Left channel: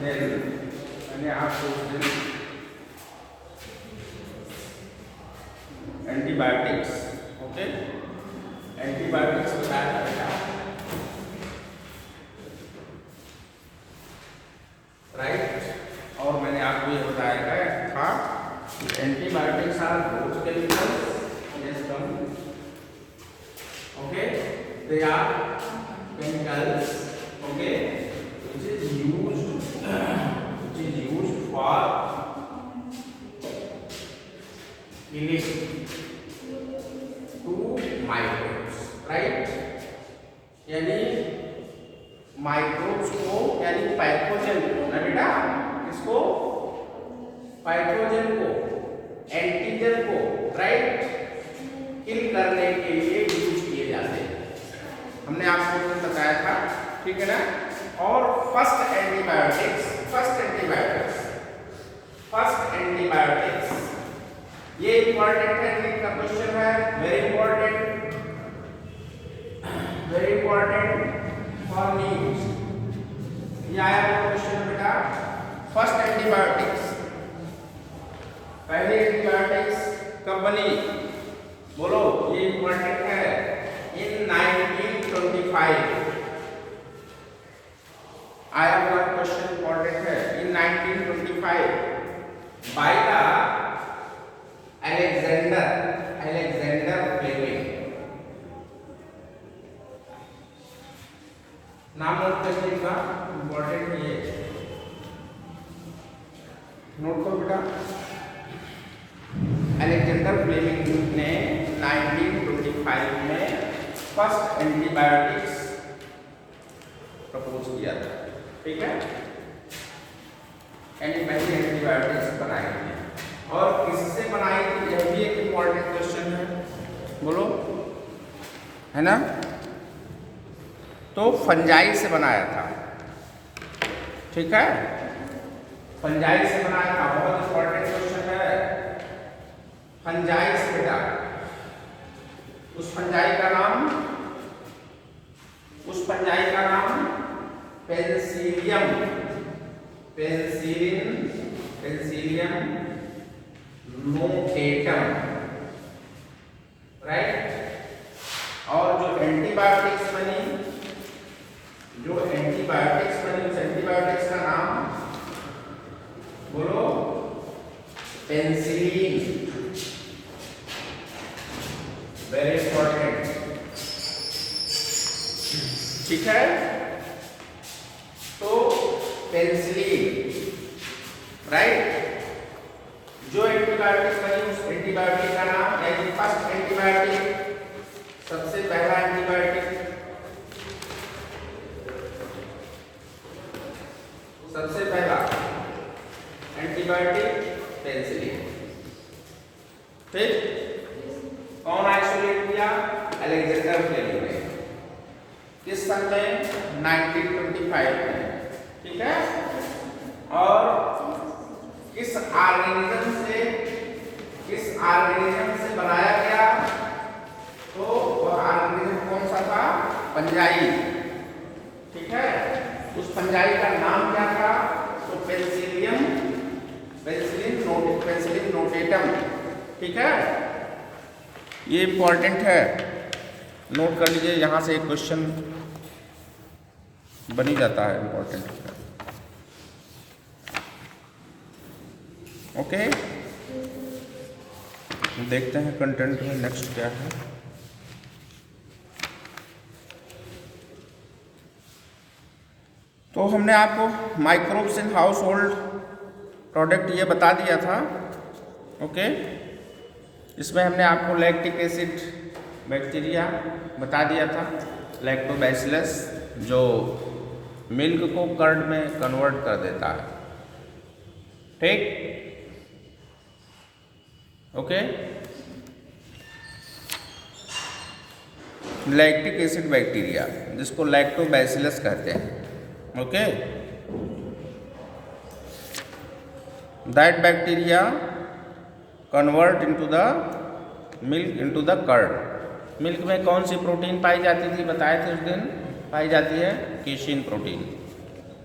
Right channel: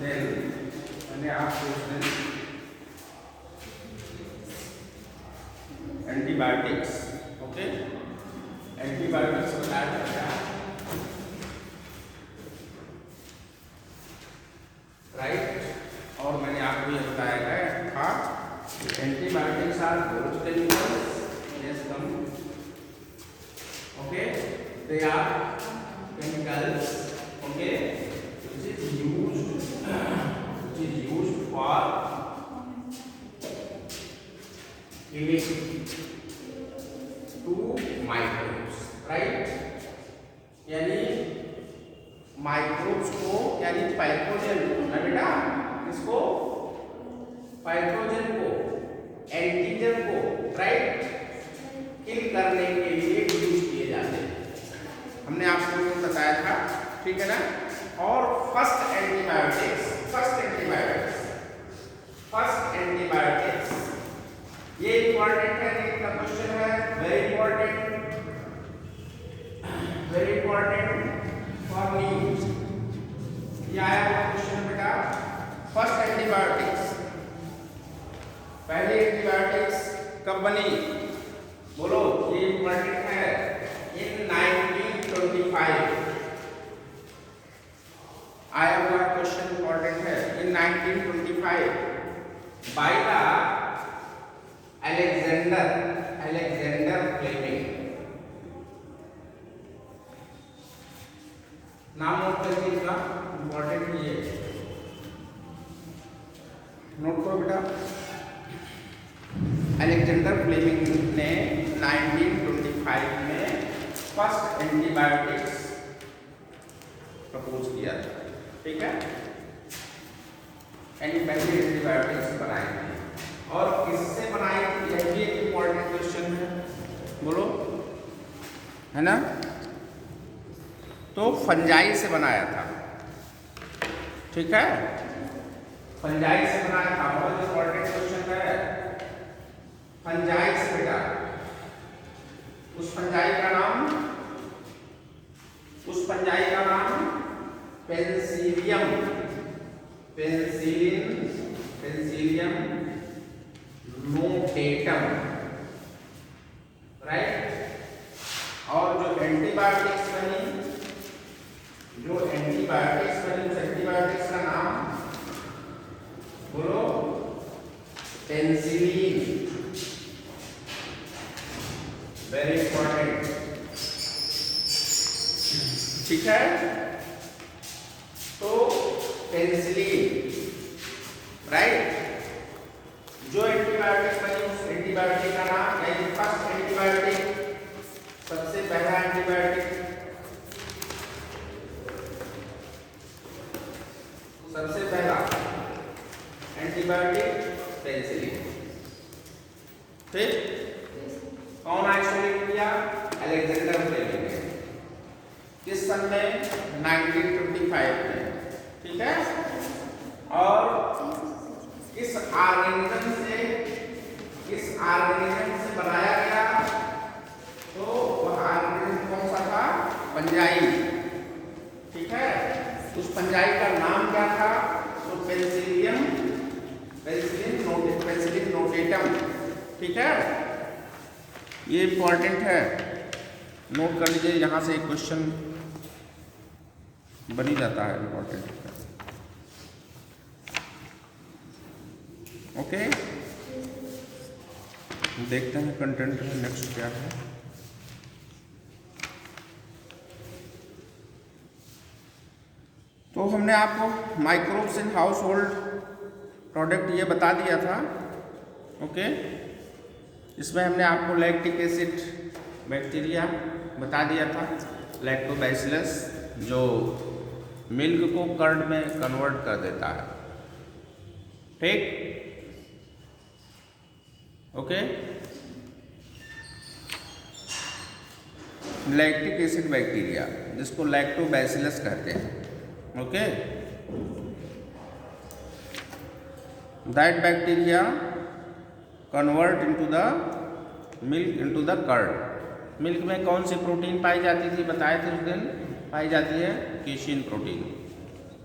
Then मैंने आपको उस दिन एंटीबायोटिक्स, ओके, एंटीबायोटिक्स बताया था बेटा, राइट। और मैंने आपको ये बताया था कि antibiotics are growth chemicals, yes come, okay, they are chemicals, okay, which is used for killing to microbes, right। यानी माइक्रोब्स को, यानी पैथोजन ना बेटा, इसको पैथोजन को, एंटीजन को, राइट, किल करने के लिए यूज किए जाते हैं। हमने आपको बताया था, ठीक है ना। और फर्स्ट एंटीबायोटिक्स ये इंपॉर्टेंट है, नीट का क्वेश्चन है, वेरी इंपॉर्टेंट फॉर नीट। ये आया क्वेश्चन बेटा, फर्स्ट एंटीबायोटिक्स, पहली एंटीबायोटिक्स कब बनी, बोलो, ये इंपॉर्टेंट है, इन 1925 आया हुआ क्वेश्चन इंपॉर्टेंट है, इन 1925 बाय द अलेक्जेंडर फ्लेमिंग। नाम नोट कर लीजिएगा, इंपॉर्टेंट है ये, नोट करो बेटा। अलेक्जेंडर फ्लेमिंग ने 1925 में फर्स्ट एंटीबायोटिक्स प्रपोज किया था, ठीक है, यानी पहली एंटीबायोटिक्स बनाई थी। और किससे बनाई थी, यह भी एक इंपॉर्टेंट क्वेश्चन है, बोलो, है ना। तो फंजाई से बनाया था, ठीक है, फंजाई से बनाया था, बहुत इंपॉर्टेंट क्वेश्चन है। फंजाई से बेटा, उस फंजाई का नाम पेनिसिलियम नोटेटम, राइट। और जो एंटीबायोटिक्स बनी उस एंटीबायोटिक्स का नाम बोलो, पेनिसिलिन, वेरी इंपॉर्टेंट, ठीक है। तो पेनिसिलिन, राइट, जो एंटीबायोटिक बनी उस एंटीबायोटिक का नाम, यानी फर्स्ट एंटीबायोटिक, सबसे पहला एंटीबायोटिक, पेनिसिलिन, ठीक। कौन आइसोलेट किया, अलेक्जेंडर फ्लेमिंग ने, किस सन में, 1925 में, ठीक है। और किस ऑर्गेनिज्म से बनाया गया, तो वह ऑर्गेनिज्म कौन सा था, फंजाई, ठीक है। उस फंजाई का नाम क्या था, तो पेनिसिलिन नोटेटम, ठीक है। ये इंपॉर्टेंट है, नोट कर लीजिए, यहाँ से एक क्वेश्चन बन ही जाता है, इंपॉर्टेंट, ओके। देखते हैं कंटेंट में नेक्स्ट क्या है। तो हमने आपको microbes in house hold product ये बता दिया था, ओके। इसमें हमने आपको लैक्टिक एसिड बैक्टीरिया बता दिया था, लैक्टोबैसिलस, जो मिल्क को कर्ड में कन्वर्ट कर देता है, ठीक, ओके। लैक्टिक एसिड बैक्टीरिया, जिसको लैक्टोबैसिलस कहते हैं, okay. That bacteria convert into the milk into the curd. Milk में कौन सी प्रोटीन पाई जाती थी, बताए थे उस दिन, पाई जाती है केशिन प्रोटीन,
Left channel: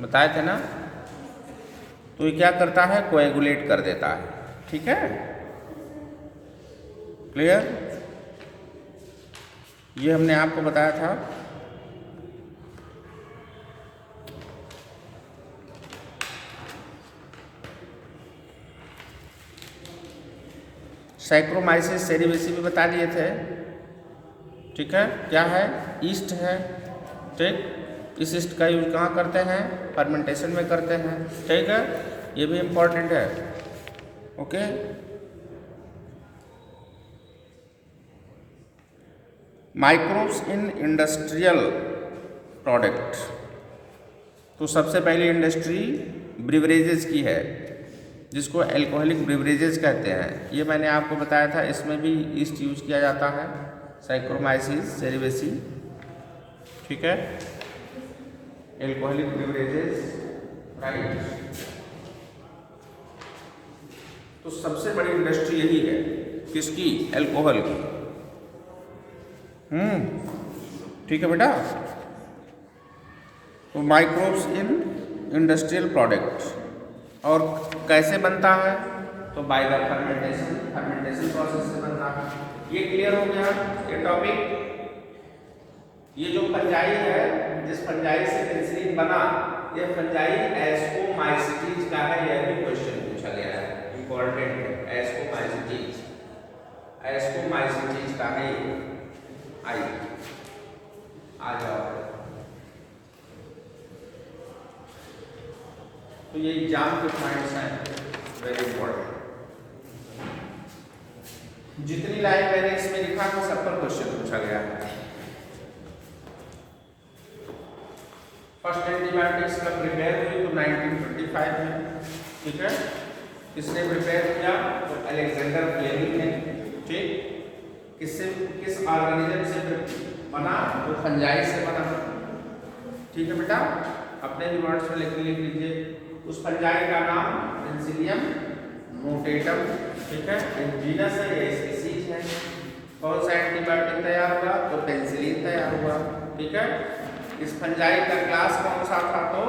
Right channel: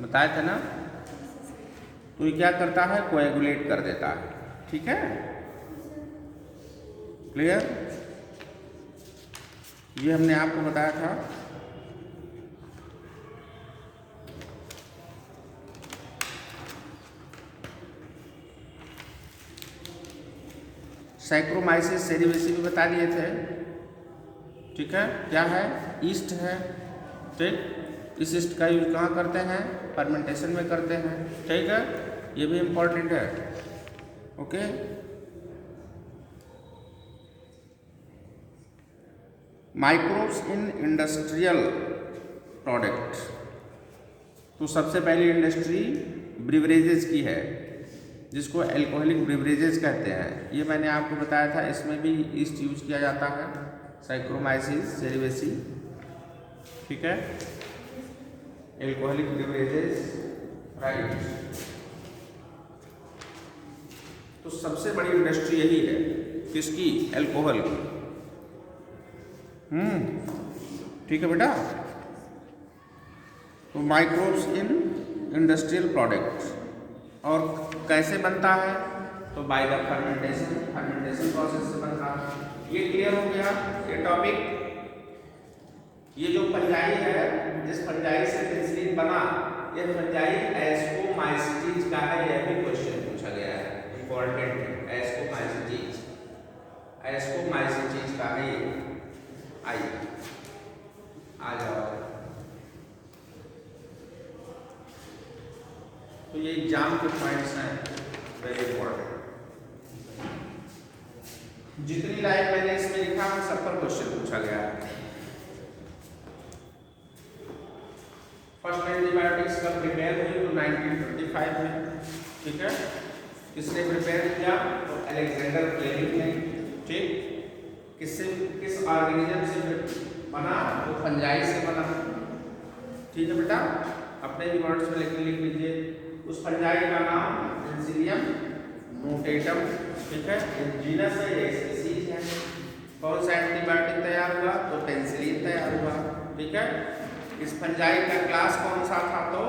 बताए थे ना, तो ये क्या करता है, कोएगुलेट कर देता है। ठीक है, क्लियर? ये हमने आपको बताया था। सैक्रोमाइसिस सेरिवेसी भी बता दिए थे। ठीक है, क्या है, ईस्ट है। ठीक, इस ईस्ट का यूज कहाँ करते हैं, फर्मेंटेशन में करते हैं। ठीक है, ये भी इम्पोर्टेंट है। Okay, microbes in industrial product. तो सबसे पहली इंडस्ट्री ब्रिवरेजेस की है, जिसको अल्कोहलिक ब्रिवरेजेस कहते हैं। ये मैंने आपको बताया था, इसमें भी ईस्ट यूज किया जाता है, सैक्रोमाइसिस सेरिवेसी। ठीक है, अल्कोहलिक ब्रिवरेजेस, राइट। तो सबसे बड़ी इंडस्ट्री यही है, किसकी, अल्कोहल की। ठीक है बेटा। तो माइक्रोब्स इन इंडस्ट्रियल प्रोडक्ट्स, और कैसे बनता है, तो बाय द फर्मेंटेशन प्रोसेस से बनता है। ये क्लियर हो गया ये टॉपिक। ये जो फंजाई है, जिस फंजाई से पेनिसिलिन बना, ये फंजाई एस्कोमाइसिटीज का है। यह भी क्वेश्चन पूछा गया है, इंपॉर्टेंट है। एस्कोमाइसिटीज का है ये। आइए आ जाओ। तो ये एग्जाम के पॉइंट्स हैं, वेरी इंपॉर्टेंट। जितनी लाइन मैंने इसमें लिखा है, सब पर क्वेश्चन पूछा गया है। फर्स्ट एंटीबायोटिक्स का प्रिपेयर हुई तो 1925 में। ठीक है, किसने प्रिपेयर किया, तो अलेक्जेंडर फ्लेमिंग ने। ठीक, किस ऑर्गेनिज्म से बना, तो फंजाई से बना। ठीक है बेटा, अपने भी वर्ड्स में लिख लीजिए। उस फंजाई का नाम पेनिसिलियम नोटेटम। ठीक है, जीनस है, ये स्पीसीज है। कौन सा एंटीबायोटिक तैयार हुआ, तो पेनिसिलिन तैयार हुआ। ठीक है, इस फंजाई का क्लास कौन सा था, तो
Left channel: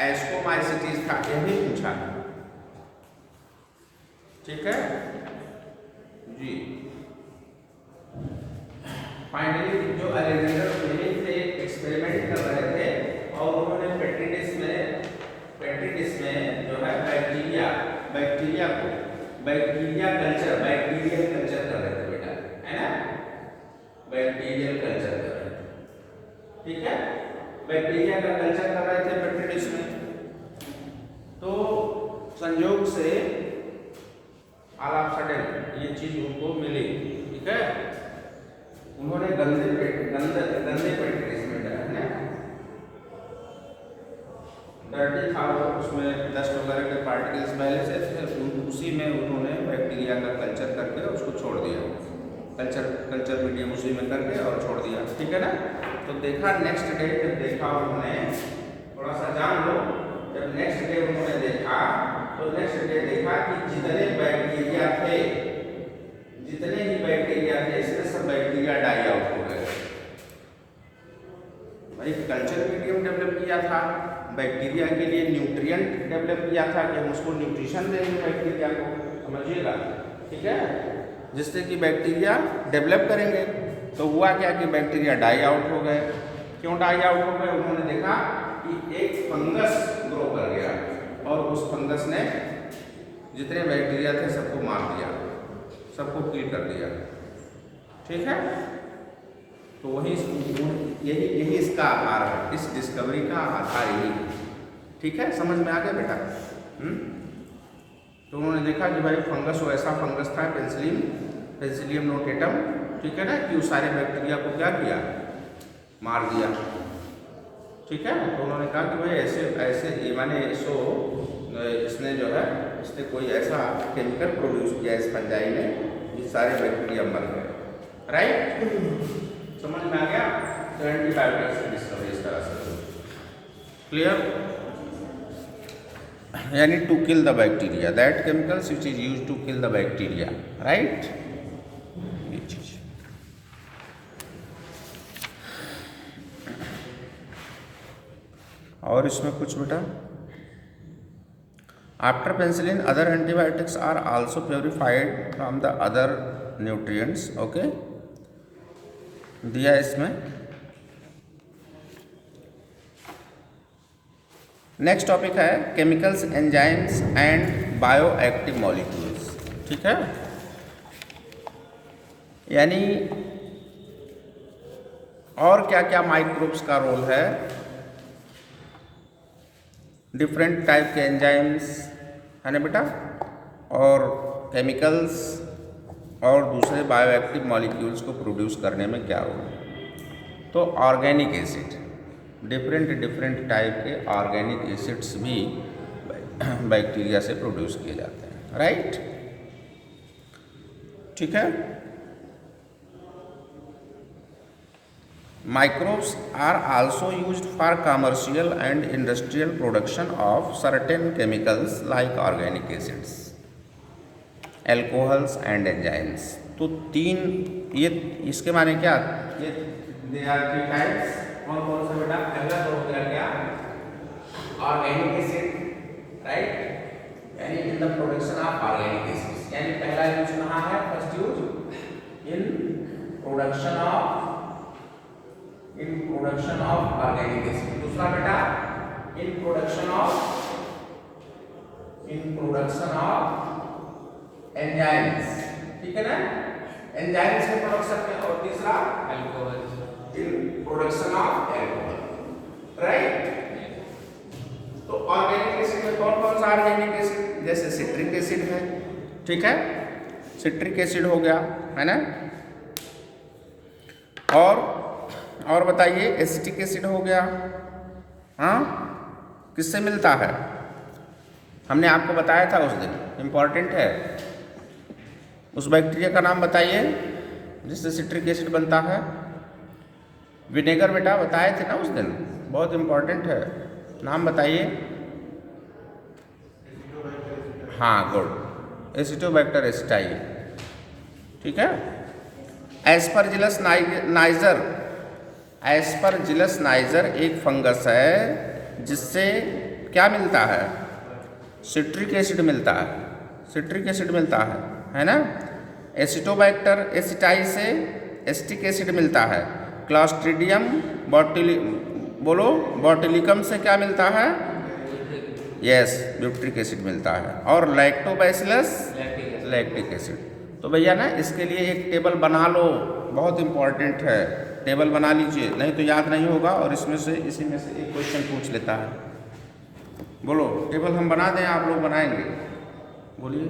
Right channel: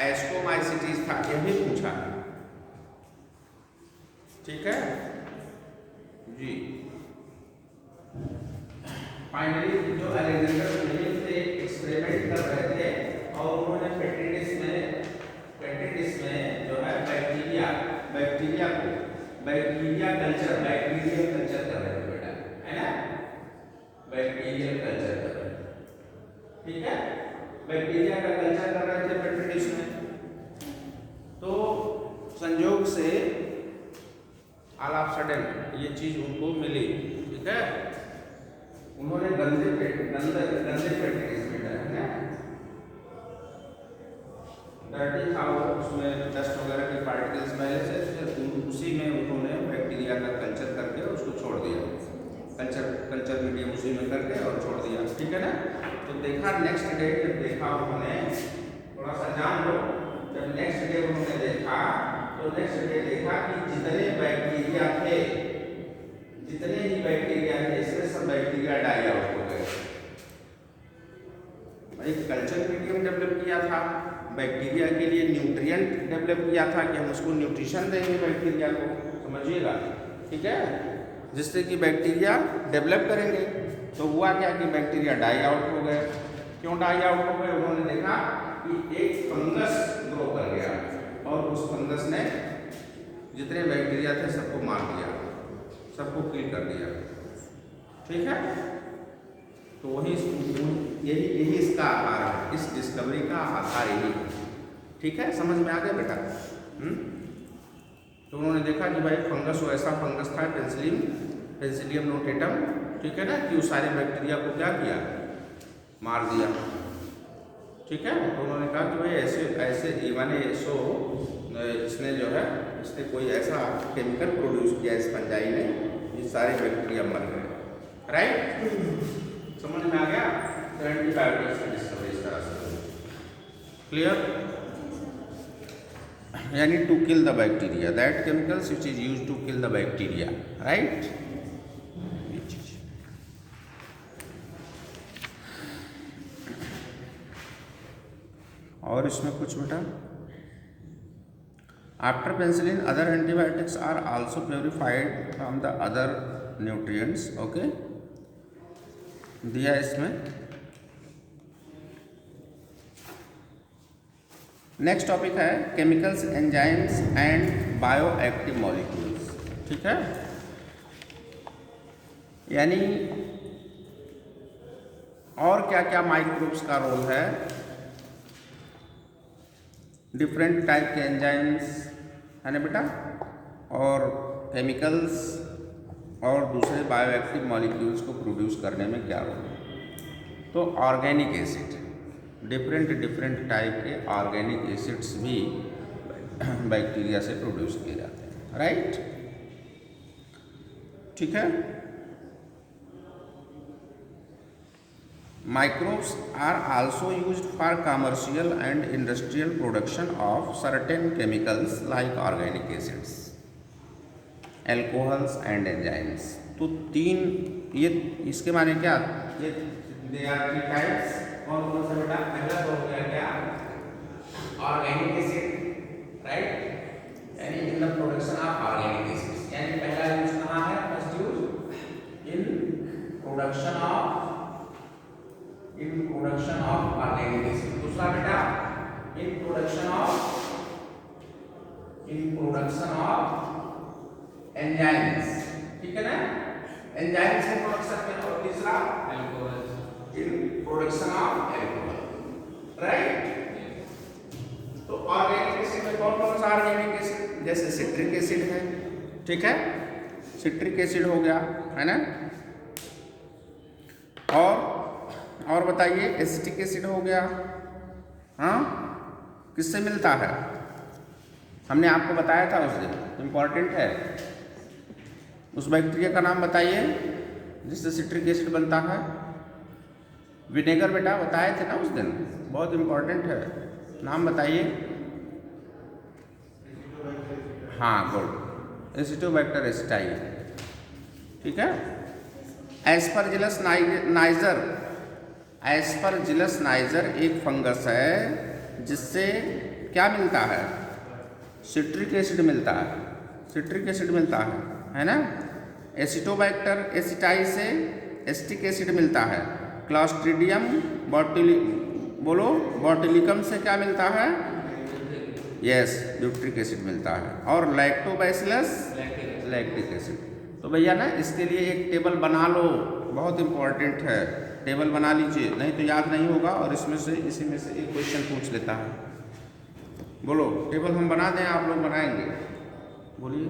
एस्कोमाइसिटीज था। यह भी पूछा है। ठीक है जी। फाइनली जो अलेक्जेंडर फ्लेमिंग थे, एक्सपेरिमेंट कर रहे थे, और उन्होंने पेट्रिटिस में जो है बैक्टीरिया कल्चर कर रहे थे बेटा, है ना, बैक्टीरियल कल्चर कर रहे थे। ठीक है, बैक्टीरिया का कल्चर कर रहे थे पेट्रिटिस में। तो संयोग से ऑल ऑफ सडन ये चीज उनको मिली। ठीक है, उन्होंने गंदे पेट्रिटिस में डाला, डर्टी था वो, उसमें डस्ट वगैरह के पार्टिकल्स पहले से, फिर उसी में उन्होंने बैक्टीरिया का कल्चर करके उसको छोड़ दिया। कल्चर मीडियम उसी में करके और छोड़ दिया। ठीक है ना। तो देखा नेक्स्ट डे, जब देखा उन्होंने, थोड़ा सा जान लो, जब नेक्स्ट डे उन्होंने देखा, तो नेक्स्ट डे देखा कि जितने ही बैक्टीरिया थे, इसमें सब बैक्टीरिया डाई आउट हो गए। भाई कल्चर मीडियम डेवलप किया था, बैक्टीरिया के लिए न्यूट्रिएंट डेवलप किया था कि हम उसको न्यूट्रिशन देंगे बैक्टीरिया को, समझिएगा। ठीक है, जिससे कि बैक्टीरिया डेवलप करेंगे। तो हुआ क्या कि बैक्टीरिया डाई आउट हो गए। क्यों डाई आउट हो गए, उन्होंने देखा कि एक फंगस ग्रो कर गया, और उस फंगस ने जितने बैक्टीरिया थे सबको मार दिया, सबको किल कर दिया। ठीक है, तो यही इसका आधार है, इस डिस्कवरी का आधार यही। ठीक है, समझ में आ गया बेटा। तो उन्होंने देखा कि भाई फंगस, वो ऐसा फंगस था पेनिसिलियम नोटेटम। ठीक है ना, कि उस सारे बैक्टीरिया को क्या किया, मार दिया। ठीक है, तो उन्होंने कहा कि भाई ऐसे माने इसने जो है, इसने कोई ऐसा केमिकल प्रोड्यूस किया इस फंजाई ने, ये सारे बैक्टीरिया मर गए। राइट, समझ में आ गया। तो एंटीबायोटिक्स की डिस्कवरी इस तरह से। क्लियर, यानी to kill the bacteria, that chemicals which is used to kill the bacteria. Right, ये चीज। और इसमें कुछ बेटा, after penicillin other antibiotics are also purified from the other nutrients. Okay, दिया इसमें। नेक्स्ट टॉपिक है chemicals, enzymes and bioactive molecules. ठीक है, यानी और क्या क्या माइक्रोब्स का रोल है, डिफरेंट टाइप के एंजाइम्स है ना बेटा, और केमिकल्स और दूसरे बायोएक्टिव मॉलिक्यूल्स को प्रोड्यूस करने में क्या रोल है। तो ऑर्गेनिक एसिड, डिफरेंट टाइप के ऑर्गेनिक एसिड्स भी बैक्टीरिया से प्रोड्यूस किए जाते हैं, राइट। ठीक है, microbes are also used for commercial and industrial production of certain chemicals like organic acids, alcohols and enzymes. तो तीन, ये इसके माने क्या, ये दे आर थ्री टाइप्स। कौन कौन सा बेटा? पहला तो हो गया क्या, ऑर्गेनिक एसिड, राइट, यानी in the production of organic acids, यानी पहला यूज कहाँ है, first use in production of organic acid. दूसरा बेटा इन प्रोडक्शन ऑफ एंजाइम्स, ठीक है ना, एंजाइम्स में प्रोडक्शन में। और तीसरा alcohols, in production of alcohol, right. तो ऑर्गेनिक एसिड में कौन कौन सा ऑर्गेनिक एसिड, जैसे सिट्रिक एसिड है, ठीक है, सिट्रिक एसिड हो गया, है ना। और बताइए, एसिटिक एसिड हो गया। हाँ, किससे मिलता है, हमने आपको बताया था उस दिन, इम्पॉर्टेंट है। उस बैक्टीरिया का नाम बताइए जिससे सिट्रिक एसिड बनता है। विनेगर बेटा बताए थे ना उस दिन, बहुत इम्पॉर्टेंट है, नाम बताइए। हाँ, गुड, एसिटोबैक्टर एसिटाई, ठीक है। एस्परजिलस नाइजर, एस्परजिलस नाइजर एक फंगस है जिससे क्या मिलता है, सिट्रिक एसिड मिलता है, सिट्रिक एसिड मिलता है ना। एसिटोबैक्टर एसिटाई से एसिटिक एसिड मिलता है। क्लॉस्ट्रीडियम बोटुलिकम से क्या मिलता है, यस, ब्यूट्रिक एसिड मिलता है। और लैक्टोबैसिलस लैक्टिक एसिड। तो भैया ना इसके लिए एक टेबल बना लो, बहुत इंपॉर्टेंट है, टेबल बना लीजिए, नहीं तो याद नहीं होगा और इसमें से इसी में से एक क्वेश्चन पूछ लेता है। बोलो, टेबल हम बना दें, आप लोग बनाएंगे, बोलिए।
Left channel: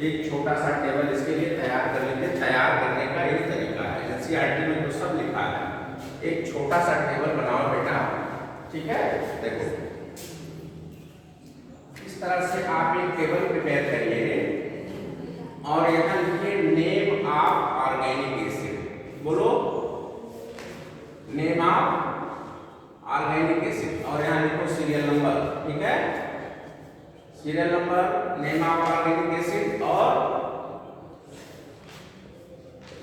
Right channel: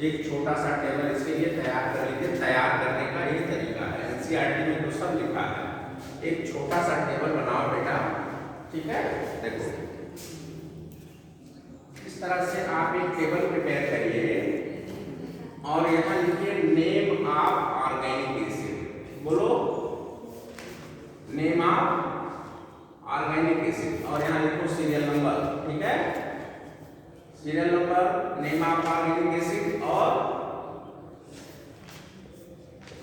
एक छोटा सा टेबल इसके लिए तैयार कर लीजिए। तैयार करने का एक तरीका है, एनसीईआरटी में तो सब लिखा है। एक छोटा सा टेबल बनाओ बेटा, ठीक है। देखो इस तरह से आप एक टेबल प्रिपेयर करिए और यहाँ लिखिए नेम ऑफ ऑर्गेनिक एसिड। बोलो, नेम ऑफ ऑर्गेनिक एसिड, और यहाँ लिखो सीरियल नंबर, ठीक है, serial number, name of organic acid और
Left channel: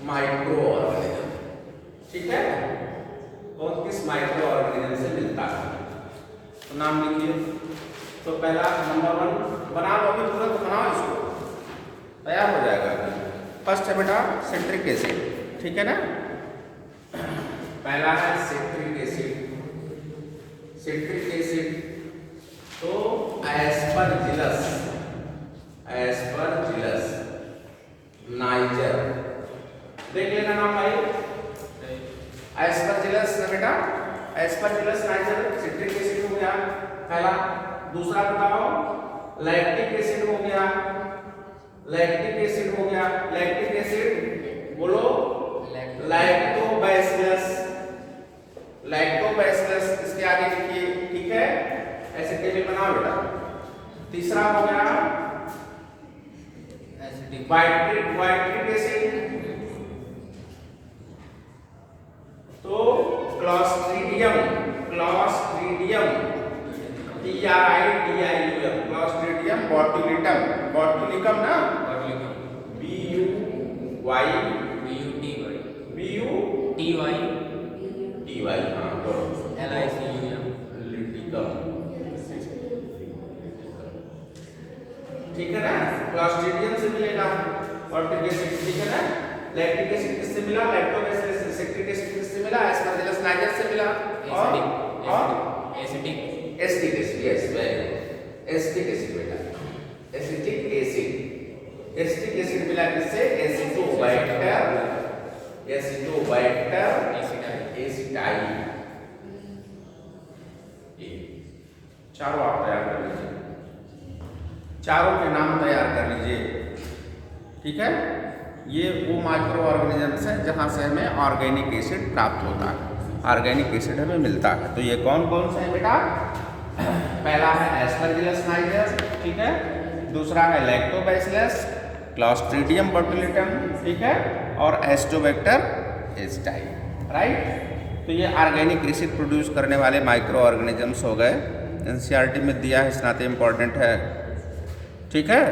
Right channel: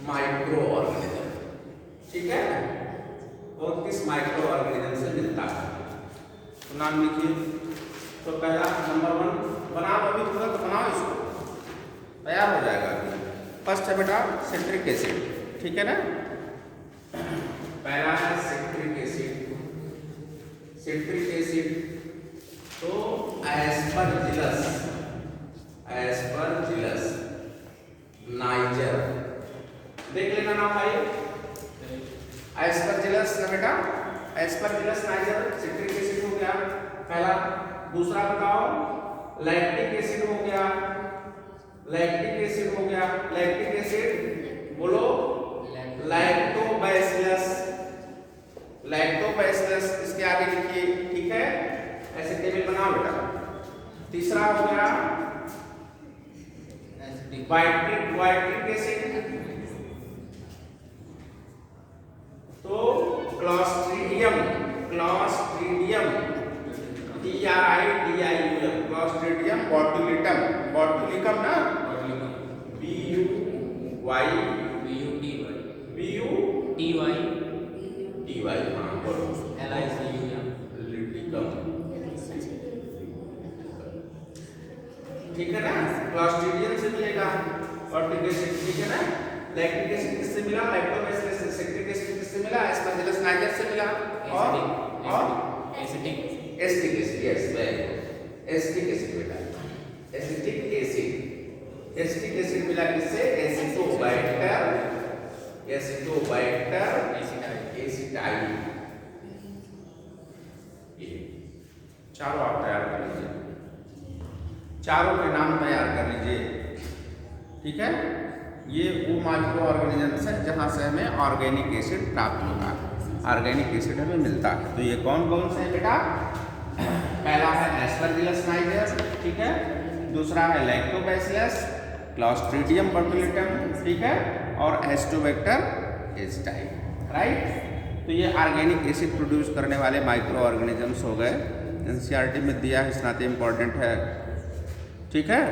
माइक्रो ऑर्गेनिज्म, ठीक है, और किस माइक्रो ऑर्गेनिज्म से मिलता है, तो नाम लिखिए। तो पहला नंबर 1 बना लो, अभी तुरंत बनाओ, इसको तैयार हो जाएगा। फर्स्ट है बेटा सिट्रिक एसिड, ठीक है ना। पहला है सिट्रिक एसिड, सिट्रिक एसिड। तो एस्परजिलस नाइजर, देख लेना ना भाई, एस्परजिलस ना बेटा, एस्परजिलस नाइजर सिट्रिक एसिड हो गया पहला। दूसरा बताओ, लैक्टिक एसिड हो गया, लैक्टिक एसिड हो गया, लैक्टिक एसिड बोलो, लैक्टोबैसिलस, लैक्टोबैसिलस, इसके आगे लिखिए, ठीक है, ऐसे टेबल बनाओ बेटा। तीसरा हो गया वाइट्रिक एसिड, तो क्लॉस्ट्रीडियम, TRIDIUM, क्लॉस्ट्रीडियम बोटुलिकम ना, BUTY, हाँ, ठीक है ना, क्लॉस्ट्रिडियम से मिलेगा ऑर्टिक एसिड, ठीक है ना। लैक्टिक एसिड किससे मिला, लैक्टोबैसिलस से। सेक्टिक एसिड किससे मिला, एस्परजिलस नाइजर से मिला। और acetic acid, yes very good, acetic acid बेटा, एसिटिक एसिड। एसिटिक एसिड मिला किससे, एसिटोबैक्टर, एसिटोबैक्टर एसिटाइल। चारों आप तैयार कर लीजिए, चारों के नाम तैयार कर लीजिए, ठीक है। ये वो माइक्रो ऑर्गेनिजम्स है जहाँ से हमें ऑर्गेनिक एसिड प्राप्त होता है, ऑर्गेनिक एसिड हमें मिलता है। तो ये कौन कौन से हैं बेटा, पहला है एस्परजिलस नाइजर, ठीक है, दूसरा है लैक्टोबैसिलस, क्लॉस्ट्रिडियम बोटुलिनम, ठीक है, और एस्टोबैक्टर एसिटाइल, राइट। तो ये ऑर्गेनिक एसिड प्रोड्यूस करने वाले माइक्रो ऑर्गेनिजम्स हो गए। एनसीईआरटी में दिया है, इतना इम्पोर्टेंट है, ठीक है।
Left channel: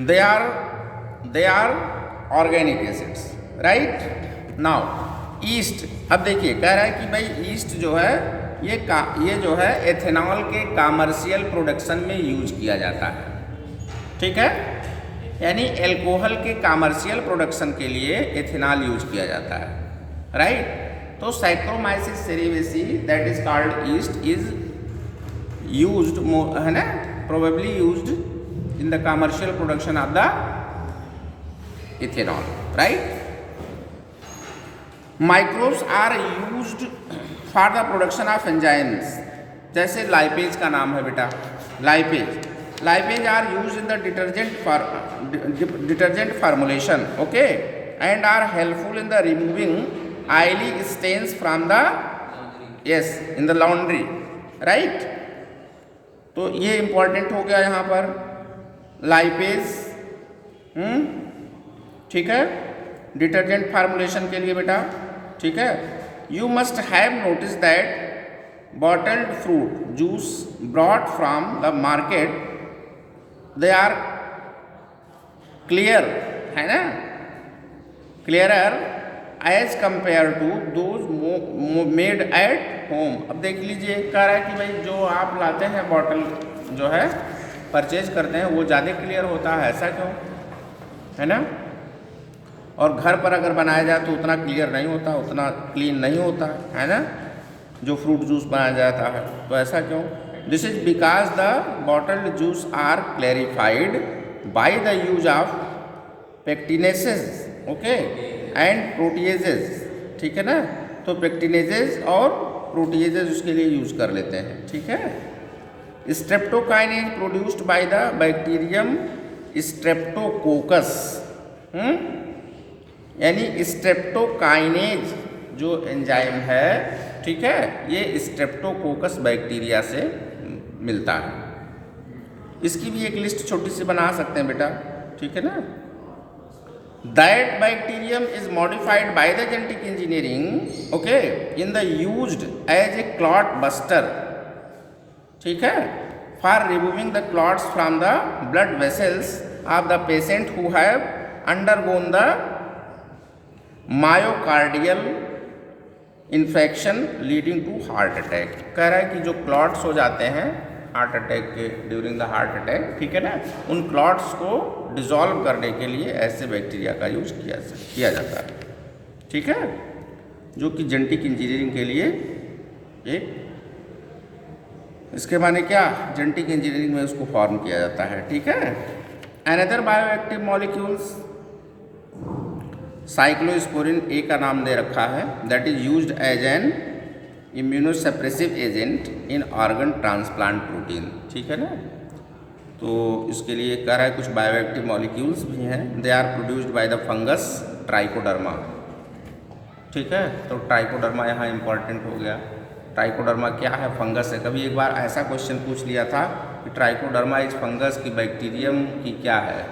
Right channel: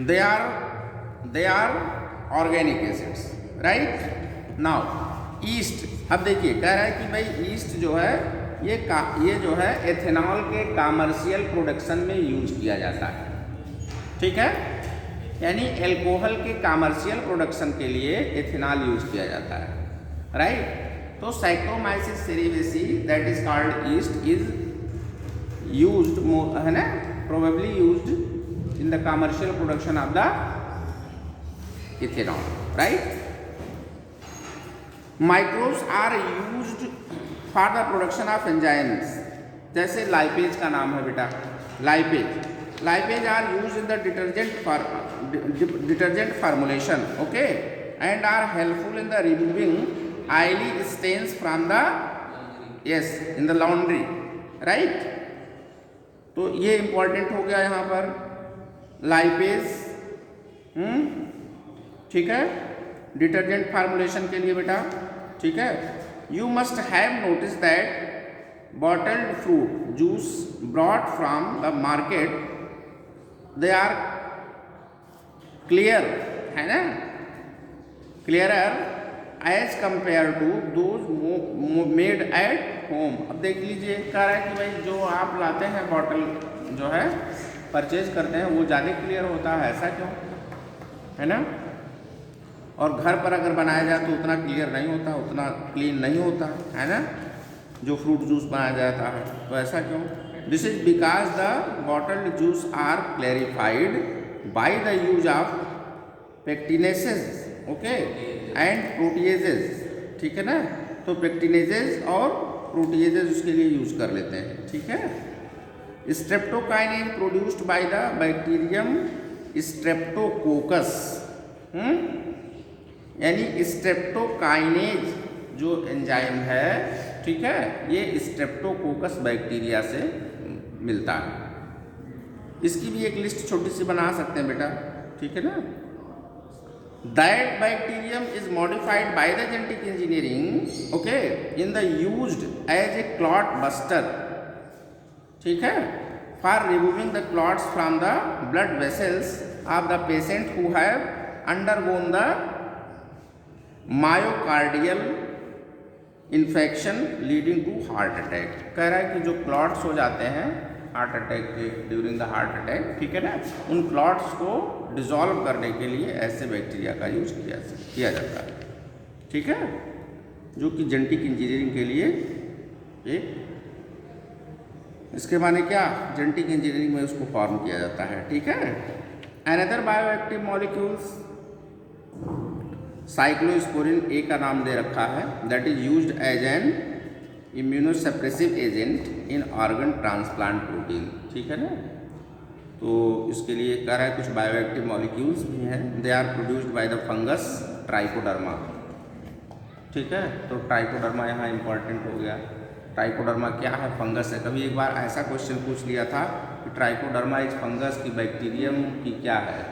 They are organic acids, right. Now yeast, अब देखिए कह रहा है कि भाई ईस्ट जो है ये जो है एथेनॉल के कमर्शियल प्रोडक्शन में यूज किया जाता है, ठीक है, यानी एल्कोहल के कमर्शियल प्रोडक्शन के लिए एथेनॉल यूज किया जाता है, राइट। तो Saccharomyces cerevisiae that is called yeast is used, है ना, probably used in the commercial production of the ethanol, right. Microbes are used for the production of enzymes, जैसे lipase का नाम है बेटा, lipase are used in the detergent formulation, okay, and are helpful in the removing oily stains from the in the laundry, right। तो ये important हो गया यहाँ पर लाइपेज, ठीक है, डिटर्जेंट फार्मुलेशन के लिए बेटा, ठीक है। You must have notice that bottled fruit juice brought from the market, they are clear, है ना, clearer as compare to those made at home. अब देख लीजिए, कह रहा है कि भाई जो आप लाते हैं बॉटल जो है परचेज करते हैं वो ज़्यादा क्लियर होता है, ऐसा क्यों, है ना। और घर पर अगर बनाया जाए तो उतना क्लियर नहीं होता, उतना क्लीन नहीं होता है ना, जो फ्रूट जूस बनाया जाता है, तो ऐसा क्यों। This is because the bottled juice are clarified by the use of pectinases, okay, and proteases, ठीक है ना। तो पेक्टिनेजेस और प्रोटीएजेस उसके लिए यूज कर लेते हैं, ठीक है। Streptokinase produced by the bacterium Streptococcus, यानी स्ट्रेप्टोकाइनेज जो एंजाइम है, ठीक है, ये स्ट्रेप्टोकोकस बैक्टीरिया से मिलता है। इसकी भी एक लिस्ट छोटी सी बना सकते हैं बेटा, ठीक है ना। That bacterium is modified by the genetic engineering, okay, in the used as a clot buster, ठीक है, for removing the clots from the blood vessels of the patient who have undergone the myocardial infection leading to heart attack। कह रहा है कि जो clots हो जाते हैं हार्ट अटैक के, ड्यूरिंग द हार्ट अटैक, ठीक है ना, उन क्लॉट्स को डिसॉल्व करने के लिए ऐसे बैक्टीरिया का यूज किया जाता है, ठीक है, जो कि जेनेटिक इंजीनियरिंग के लिए एक, इसके माने क्या, जेनेटिक इंजीनियरिंग में उसको फॉर्म किया जाता है, ठीक है। Another bioactive molecules, cyclosporin A का नाम दे रखा है, that is used as an immunosuppressive agent in organ transplant protein, ठीक है ना। तो इसके लिए कह रहा है कुछ बायोएक्टिव मॉलिक्यूल्स भी हैं, they are produced by the fungus Trichoderma, ठीक है। तो ट्राइकोडर्मा यहाँ इंपॉर्टेंट हो गया। ट्राइकोडर्मा क्या है, फंगस है। कभी एक बार ऐसा क्वेश्चन पूछ लिया था कि ट्राइकोडर्मा इज फंगस की बैक्टीरियम की क्या है,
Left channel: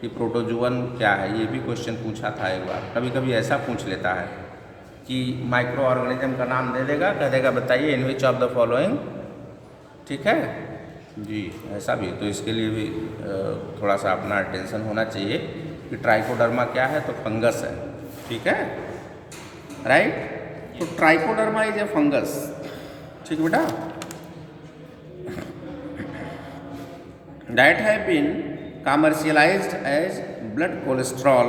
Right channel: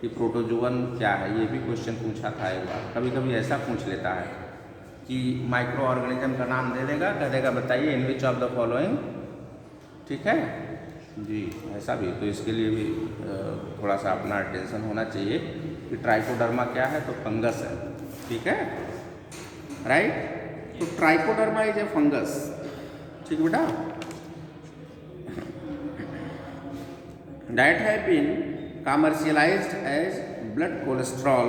कि प्रोटोजुअन क्या है, ये भी क्वेश्चन पूछा था एक बार। कभी कभी ऐसा पूछ लेता है कि माइक्रो ऑर्गेनिज्म का नाम दे देगा, कह देगा बताइए इन विच ऑफ द फॉलोइंग, ठीक है जी, ऐसा भी। तो इसके लिए भी थोड़ा सा अपना अटेंशन होना चाहिए कि ट्राइकोडर्मा क्या है, तो फंगस है, ठीक है, राइट। तो ट्राइकोडर्मा इज ए फंगस, ठीक बेटा। that have been commercialized as blood cholesterol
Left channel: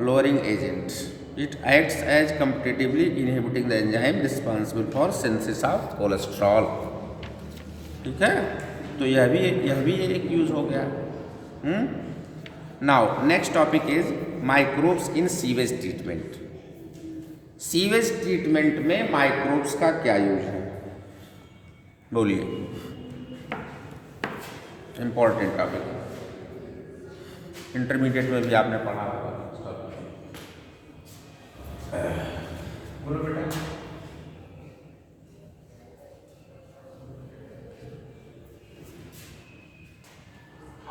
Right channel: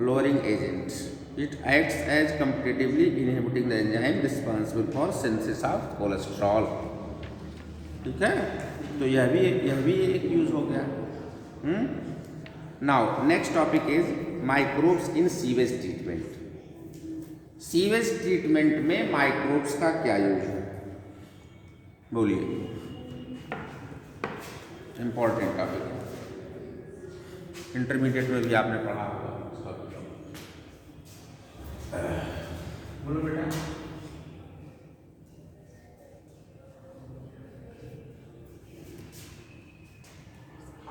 lowering agent. It acts as competitively inhibiting the enzyme responsible for synthesis of cholesterol. ठीक है, तो यह भी एक यूज हो गया. Now next topic is microbes in sewage treatment. Sewage treatment में microbes का क्या यूज है, बोलिए. इंपॉर्टेंट टॉपिक, इंटरमीडिएट में भी आपने पढ़ा होगा. बोलो बेटा.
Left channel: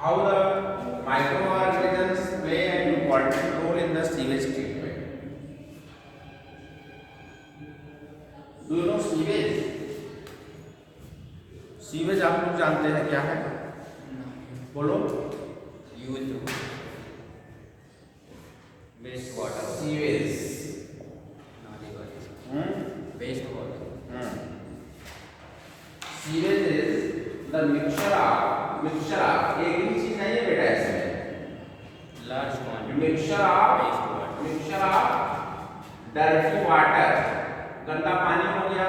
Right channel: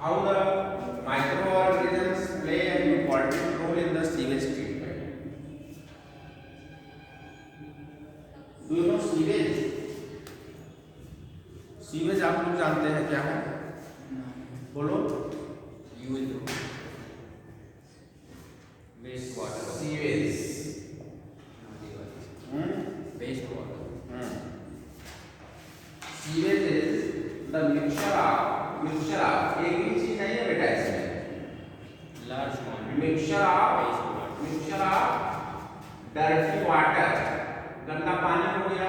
How the microorganisms play an important role in the sewage treatment. Do you know sewage? Sewage आप लोग जानते हैं क्या है, बोलो. Waste water. Sewage waste water. Sewage is the mixture of एक ही चीज नहीं है बेटा, इसमें large mixture of dirty water, गंदा पानी हो गया.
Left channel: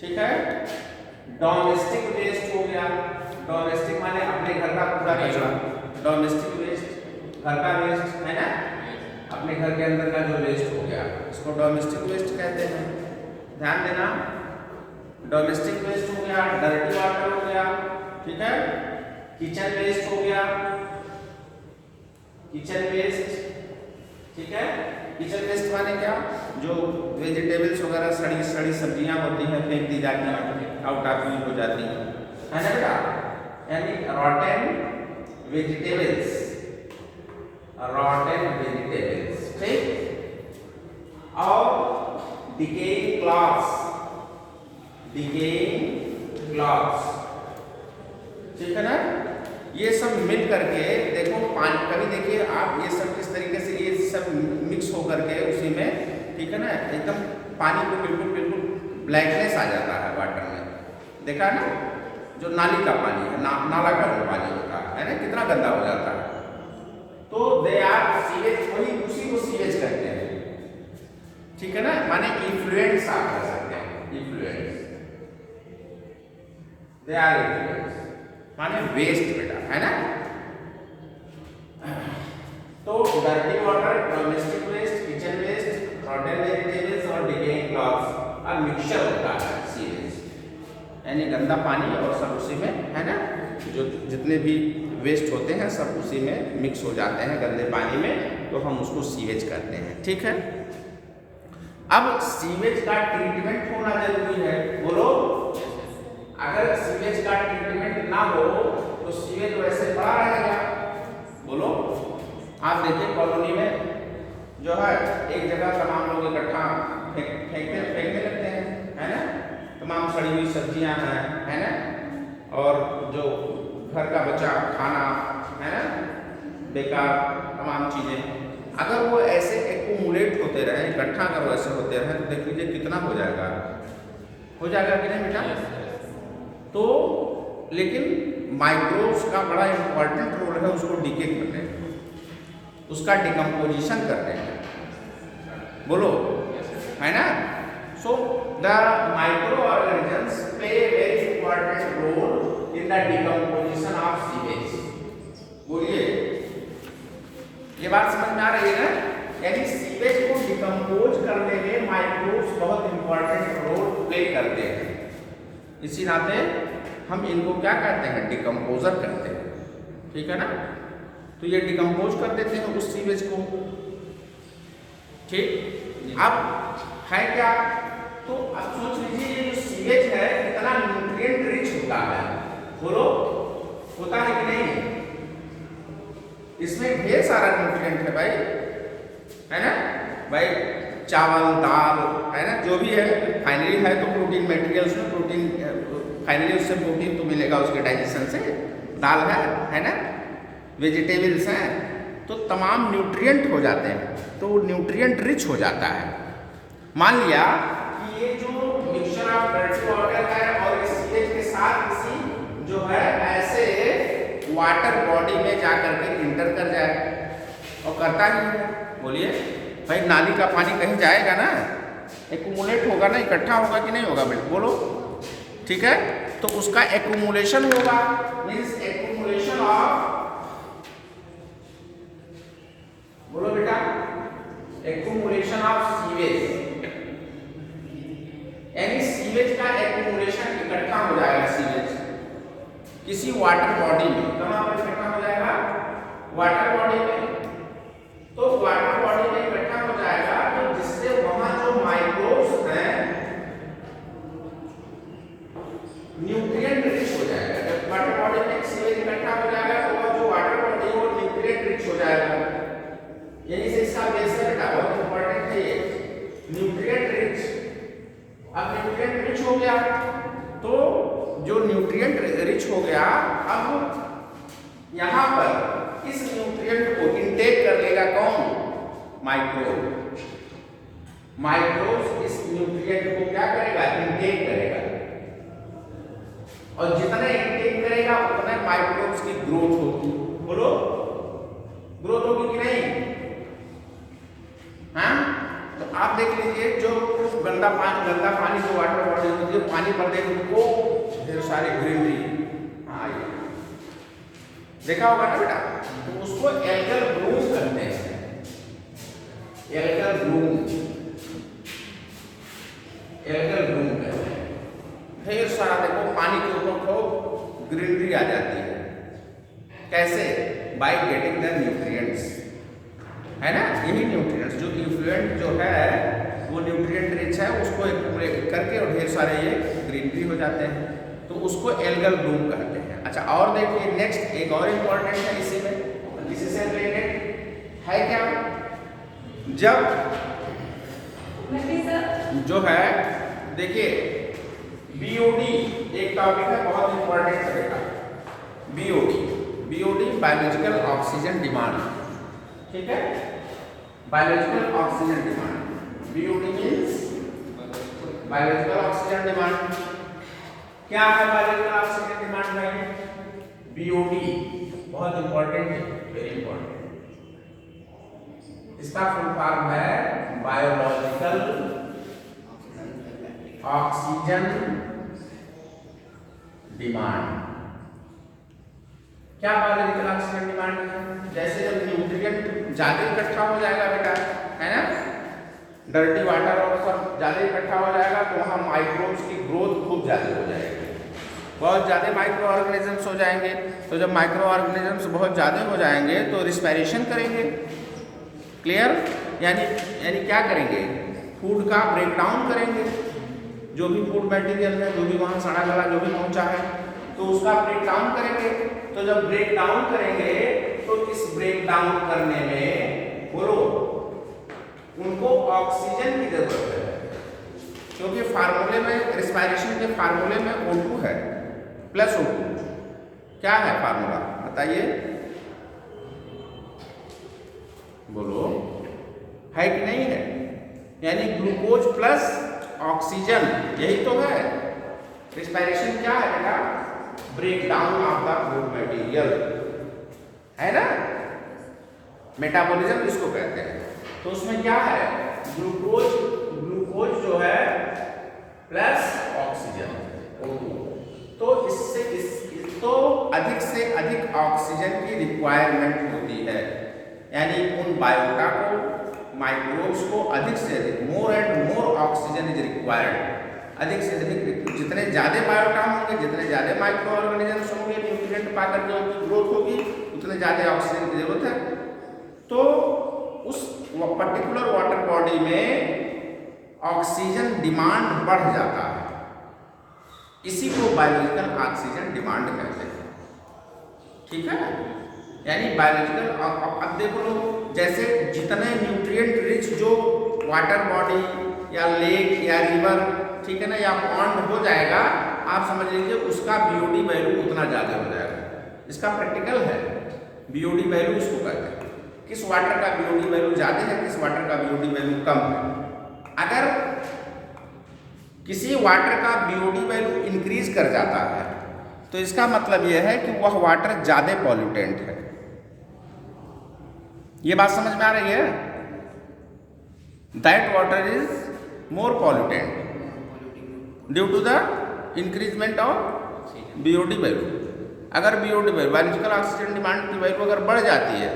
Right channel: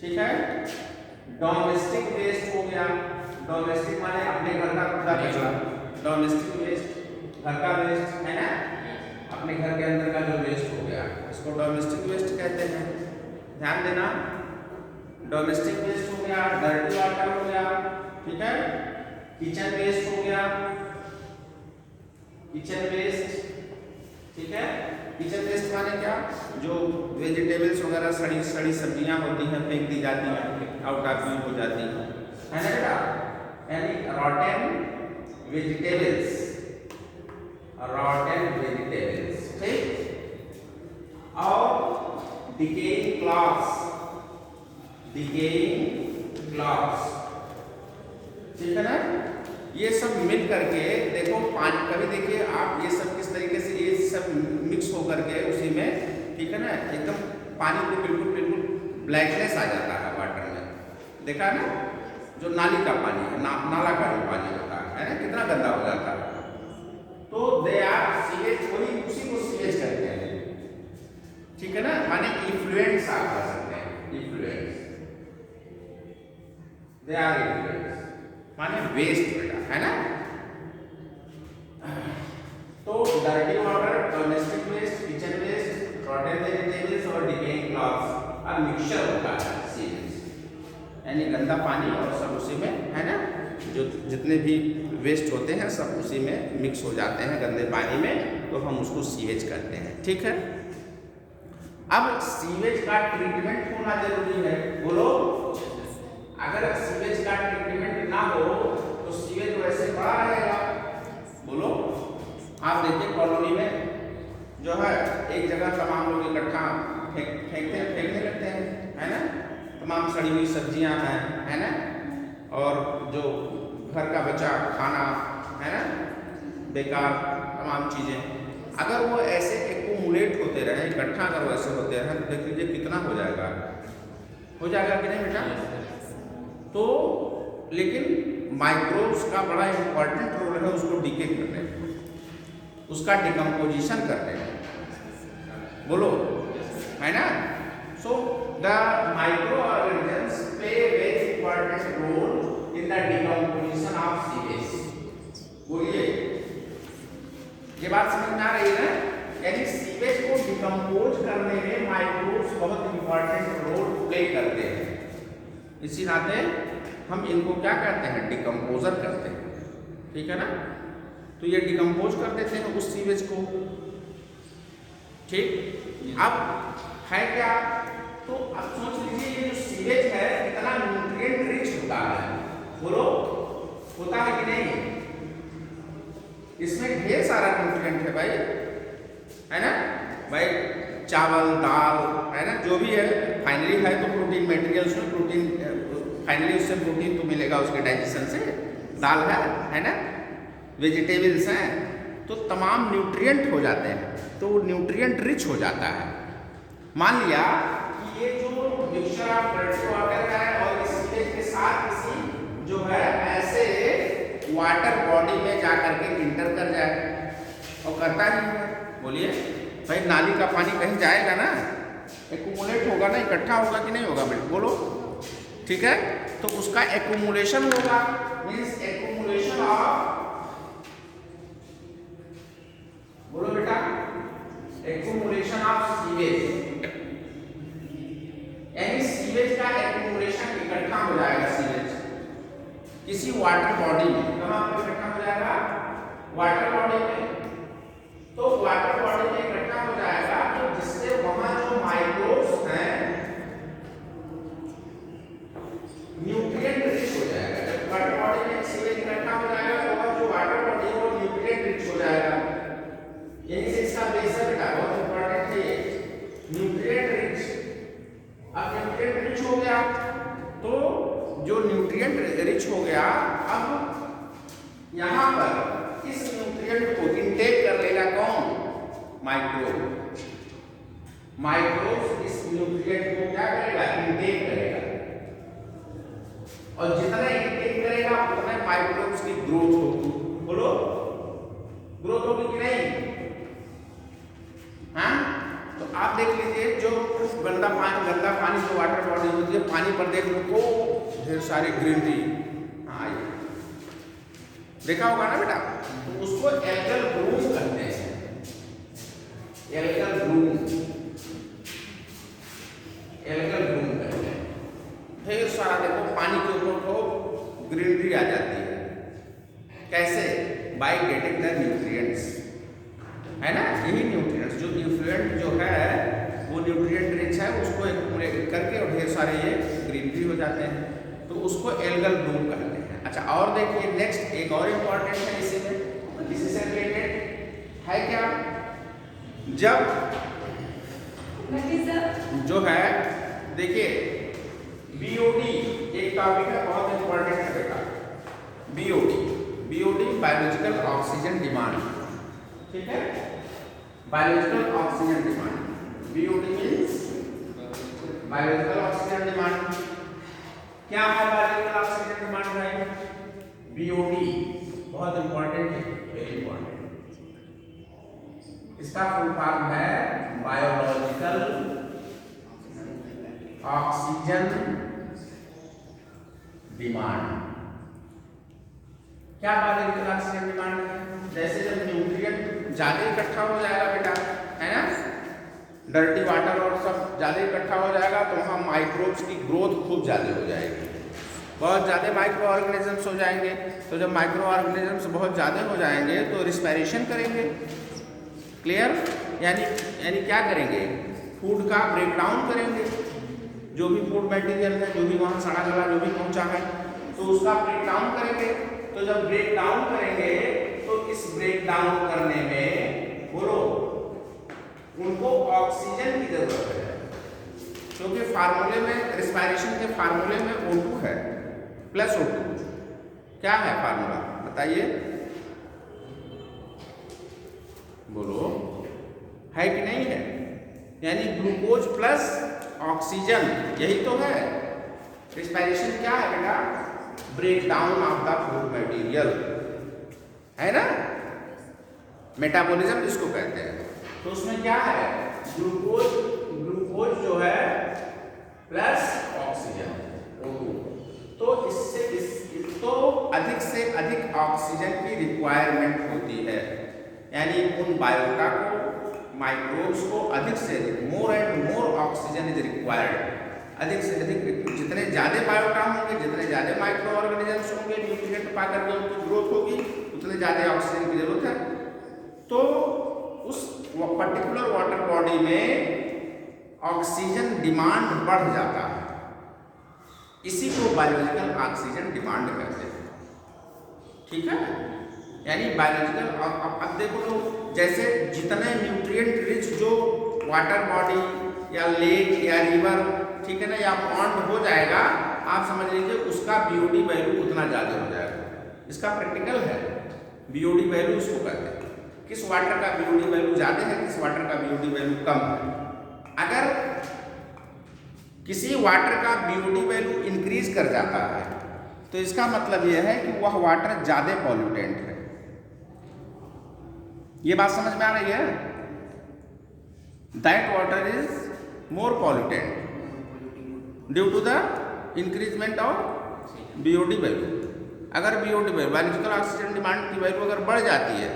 ठीक है. डोमेस्टिक वेस्ट हो गया. डोमेस्टिक माने अपने घर का कूड़ा कचरा. डोमेस्टिक वेस्ट घर का वेस्ट है ना, अपने घर के अंदर का जो वेस्ट हो गया उसको डोमेस्टिक वेस्ट कहते हैं. ध्यान देना, डोमेस्टिक वेस्ट हो गया, डर्टी वाटर हो गया. ठीक है. किचन वेस्ट हो गया, किचन वेस्ट. ठीक है. किचन वेस्ट माने क्या, जो वेजिटेबल्स वगैरह सड़ी सब्जियां होती हैं फेंक दी जाती हैं, आउट ऑफ यूज हो जाती हैं, है ना बेटा. यानी रॉटन वेजिटेबल्स, ठीक. और डिकेइंग क्लॉथ्स, ठीक है ना. ये सब मिल करके देखो पानी, कभी देखिए आप ये सब किस तरीके से ये सब मिक्स हो करके उसी में, ठीक है ना, एकदम पानी को बिल्कुल ब्लैकनेस आ जाता है वाटर में. देखा ना, जो नाली का पानी है, नाला का जो पानी होता है ना, कितना गंदा हो जाता है. तो दे आर सीवेज, वही उसी को सीवेज कहते हैं. ठीक है ना, माने इन्फ्लुएंस आप कह सकते हैं. इन्फ्लुएंस, दे आर इन्फ्लुएंस माने वेस्ट बेटा, है ना. तो dirty water, domestic waste, kitchen waste, rotten vegetables और डिकेइंग क्लॉथ्स और मिक्सचर होता है सीवेज, यानी गंदा पानी और सब उसी में, है ना. जो जितने भी वेस्ट होते हैं सब उसी में मिक्स हो जाते हैं गंदे पानी में, तो हम उसको सीवेज कहते हैं. ठीक है. अब सीवेज का ट्रीटमेंट होना जरूरी है, बोलो. अगर सीवेज का ट्रीटमेंट ना हो तो सीवेज वैसे पड़ा रहेगा, बोलो. आप देखिए कॉलोनी में जो है एक जगह तमाम लोग इकट्ठा फेंकने लगते हैं, है ना. तमाम सड़ी हुई सब्जियां हैं, है ना, और जो घर का बचा खाना है ना, बेकार तमाम चीजें, अगर वो ऐसे एक्यूमुलेट होते रहे, इकट्ठा अगर वैसे होते रहे, तो देख लीजिए कितना हो जाएगा कि नहीं बेटा. तो लेकिन माइक्रोब्स का बड़ा इंपॉर्टेंट रोल है उसको डीके करने में, उसका डिकम्पोजिशन करने में, बोलो, है ना. So the microorganisms play a very important role in the decomposition of sewage. बोलिए, ये बात समझ में आ रही है. यानी सीवेज को डिकम्पोज करने में माइक्रोब्स बहुत इंपॉर्टेंट रोल प्ले करते हैं. इसी नाते हम इनको क्या कहते हैं, डिकम्पोजर कहते हैं. ठीक है ना. तो ये डिकम्पोज कर देते हैं उस सीवेज को. ठीक. अब है क्या, तो अब सोच लीजिए ये जो सीवेज है कितना न्यूट्रिएंट रिच होता है, बोलो. होता है कि नहीं. इसमें ढेर सारा न्यूट्रिएंट है भाई, है ना भाई. चावल, दाल, है ना, जो भी है, फाइनली है तो प्रोटीन मटेरियल, उसमें प्रोटीन, फाइनली उससे प्रोटीन तो मिलेगा उसके डाइजेशन से. दाल है ना, वेजिटेबल्स हैं, तो तमाम न्यूट्रिएंट हो जाते हैं, तो न्यूट्रिएंट रिच हो जाता है. मान लिया कि ये जो मिक्सचर ऑफ डर्टी वाटर है और इस सीवेज के साथ किसी जो है वाटर बॉडी में जा करके इंटर कर जाए, और करता ही है। बोलिए भाई, नाली का पानी कहीं जाएगा ना, एक्यूमुलेट होगा ना, इकट्ठा होगा कि नहीं होगा बेटा, बोलो। ठीक है, तो उसका एक्यूमुलेशन होगा, मीन्स एक्यूमुलेशन ऑफ, बोलो बेटा, एक्यूमुलेशन ऑफ सीवेज, यानी सीवेज का एक्यूमुलेशन इकट्ठा हो जाएगा। सीवेज किसी वाटर बॉडी में कहां पर इकट्ठा हो जाएगा? वाटर बॉडी में। तो वाटर बॉडी में इकट्ठा हो जाएगा, तो जिससे वहां जो माइक्रोब्स हैं न्यूट्रिएंट रिच हो जाएगा। जब वाटर बॉडी में सीवेज इकट्ठा हो जाएगा तो जो वाटर बॉडी है वो न्यूट्रिएंट रिच हो जाएगा। यही से इसका बेस है बेटा, बहुत इंपॉर्टेंट है ये, न्यूट्रिएंट रिच। अब न्यूट्रिएंट रिच हो गया, तो जो न्यूट्रिएंट रिच हो गया, अब यहां पर इस न्यूट्रिएंट को इनटेक कर लेगा कौन? माइक्रोब। माइक्रोब इस न्यूट्रिएंट को क्या करेगा? इनटेक करेगा, और जितना इनटेक करेगा उतना माइक्रोब्स की ग्रोथ होगी। बोलो, ग्रोथ होगी कि नहीं? हाँ, तो आप देख लीजिए, जो गंदा पानी जो वाटर बॉडी में जो पानी पर देखने को ढेर सारे ग्रीनरी, हाँ देखा होगा ना बेटा, तो उसको एल्गल ब्लूम कहते हैं। एल्गल ब्लूम, एल्गल ब्लूम कहते हैं। ढेर सारा देखो पानी के ऊपर खूब ग्रीनरी आ जाती है। कैसे? बाय गेटिंग द न्यूट्रिएंट्स, है ना। यही न्यूट्रिएंट्स जो इफ्लुएंट जो है वो न्यूट्रिएंट रिच है, उसको एक्यूमुलेट करके और ढेर सारे ये ग्रीनरी हो जाते हैं, तो उसको एल्गल ब्लूम कहते हैं। अच्छा, और देखिए नेक्स्ट एक और इम्पॉर्टेंट है इसी में, इसी से रिलेटेड है क्या? जब जो है देखिए बीओडी एक टॉपिक है, बहुत इंपॉर्टेंट है बेटा। BOD, BOD biological oxygen demand, ठीक है, biological oxygen demand. BOD means biological oxygen demand. क्या है बायोलॉजिकल ऑक्सीजन डिमांड में? बीओडी बहुत इंपॉर्टेंट है, वेरी इंपॉर्टेंट। इसका फुल फॉर्म है बायोलॉजिकल ऑक्सीजन डिमांड। क्या बायोलॉजिकल ऑक्सीजन डिमांड है? जैसे जब न्यूट्रिएंट ज्यादा इकट्ठा हो जाएगा बेटा, है ना, डर्टी वाटर और सब ज्यादा इकट्ठा हो जाएगा, तो वहाँ माइक्रोब्स की ग्रोथ खूब ज्यादा हो जाएगी, बहुत ज़्यादा माइक्रो ऑर्गेनिजम्स हो जाएंगे। तो जब माइक्रो ऑर्गेनिजम्स बहुत ज़्यादा हो जाएंगे तो रिस्पायरेशन करेंगे। क्लियर? यानी क्या करेंगे? फूड का ब्रेक डाउन करेंगे। जो भी फूड मटेरियल है, जो भी वहाँ सड़ा गला जो भी पहुँचा है, तो उसका ब्रेक डाउन करेंगे। तो जब ब्रेक डाउन करेंगे तो इस ब्रेक डाउन करने में बोलो उनको ऑक्सीजन की जरूरत है, क्योंकि फार्मूले में, रिस्पायरेशन के फार्मूले में O2 है प्लस O2। क्या है फार्मूला बताइए, बोलो, है कि नहीं है? यानी ग्लूकोज प्लस ऑक्सीजन, यही तो है। रिस्पायरेशन क्या है बेटा? Break down of the food material, है ना, मेटाबॉलिज्म इसको कहते हैं। तो उसमें क्या है? ग्लूकोज जो है प्लस ऑक्सीजन O2। तो तो अधिक से अधिक ऑक्सीजन की रिक्वायरमेंट होती है, यानी उन बायोटा को, माइक्रोब्स को अधिक से अधिक, more and more oxygen is required. अधिक से अधिक, जितने ज़्यादा बायोटा होंगे, जितने ज़्यादा माइक्रो ऑर्गेनिजम्स होंगे, न्यूट्रिएंट पा करके उनकी ग्रोथ होगी, उतने ज़्यादा ऑक्सीजन की जरूरत है। तो उस पर्टिकुलर वाटर बॉडी में ऑक्सीजन डिमांड बढ़ जाता है, इसी को बायोलॉजिकल ऑक्सीजन डिमांड कहते हैं। ठीक है, यानी बायोलॉजिकल, अब देखो लोग, जैसे जितने न्यूट्रिएंट रिच जो वाटर बॉडी या लेक या रिवर, ठीक है ना, या पॉन्ड हो जाएगा, आप समझ लीजिए उसका बीओडी वैल्यू उतना ज़्यादा हो जाएगा। इसका प्रैक्टिकल है, बीओडी वैल्यू उसको कहते हैं। किस वाटर का बीओडी वैल्यू ज़्यादा है, किस वाटर का बीओडी वैल्यू कम है। अगर किसी वाटर का बीओडी वैल्यू इंक्रीज कर जाता है तो इसका मतलब यह है कि वह वाटर ज़्यादा पॉल्यूटेंट है। ये बात समझ में आ रही है? That water is more pollutant due to the increasement of BOD value. अगर BOD value, biological oxygen demand की वैल्यू अगर बढ़ जाती है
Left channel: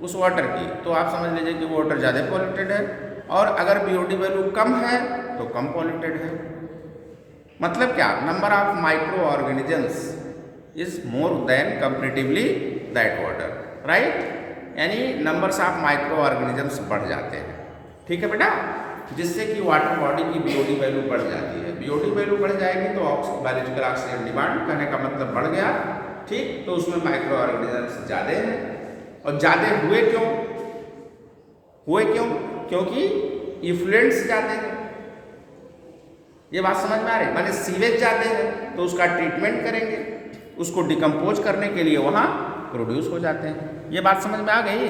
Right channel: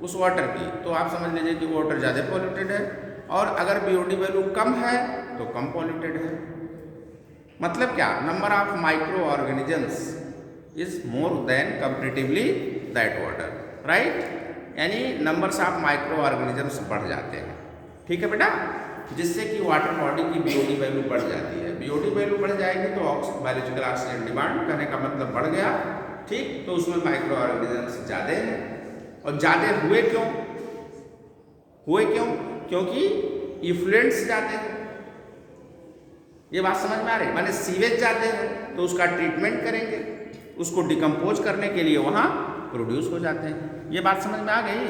उस वाटर की, तो आप समझ लीजिए कि वो वाटर ज़्यादा पॉल्यूटेड है, और अगर बीओडी वैल्यू कम है तो कम पॉल्यूटेड है। मतलब क्या? Number of micro organisms is more than comparatively that water, right? यानी नंबर्स ऑफ माइक्रो ऑर्गेनिजम्स बढ़ जाते हैं, ठीक है बेटा, जिससे कि वाटर बॉडी की बीओडी वैल्यू बढ़ जाती है। बीओडी वैल्यू बढ़ जाएगी तो बायोलॉजिकल ऑक्सीजन डिमांड, कहने का मतलब बढ़ गया, ठीक? तो उसमें माइक्रो ऑर्गेनिजम्स ज़्यादा हैं, और ज़्यादा हुए क्यों? क्योंकि इफ्लुएंट्स ज़्यादा हैं। ये बात समझ में आ रही? माने सीवेज ज़्यादा है तो उसका ट्रीटमेंट करेंगे, उसको डिकम्पोज करने के लिए वहाँ प्रोड्यूस हो जाते हैं। ये बात समझ में आ गई?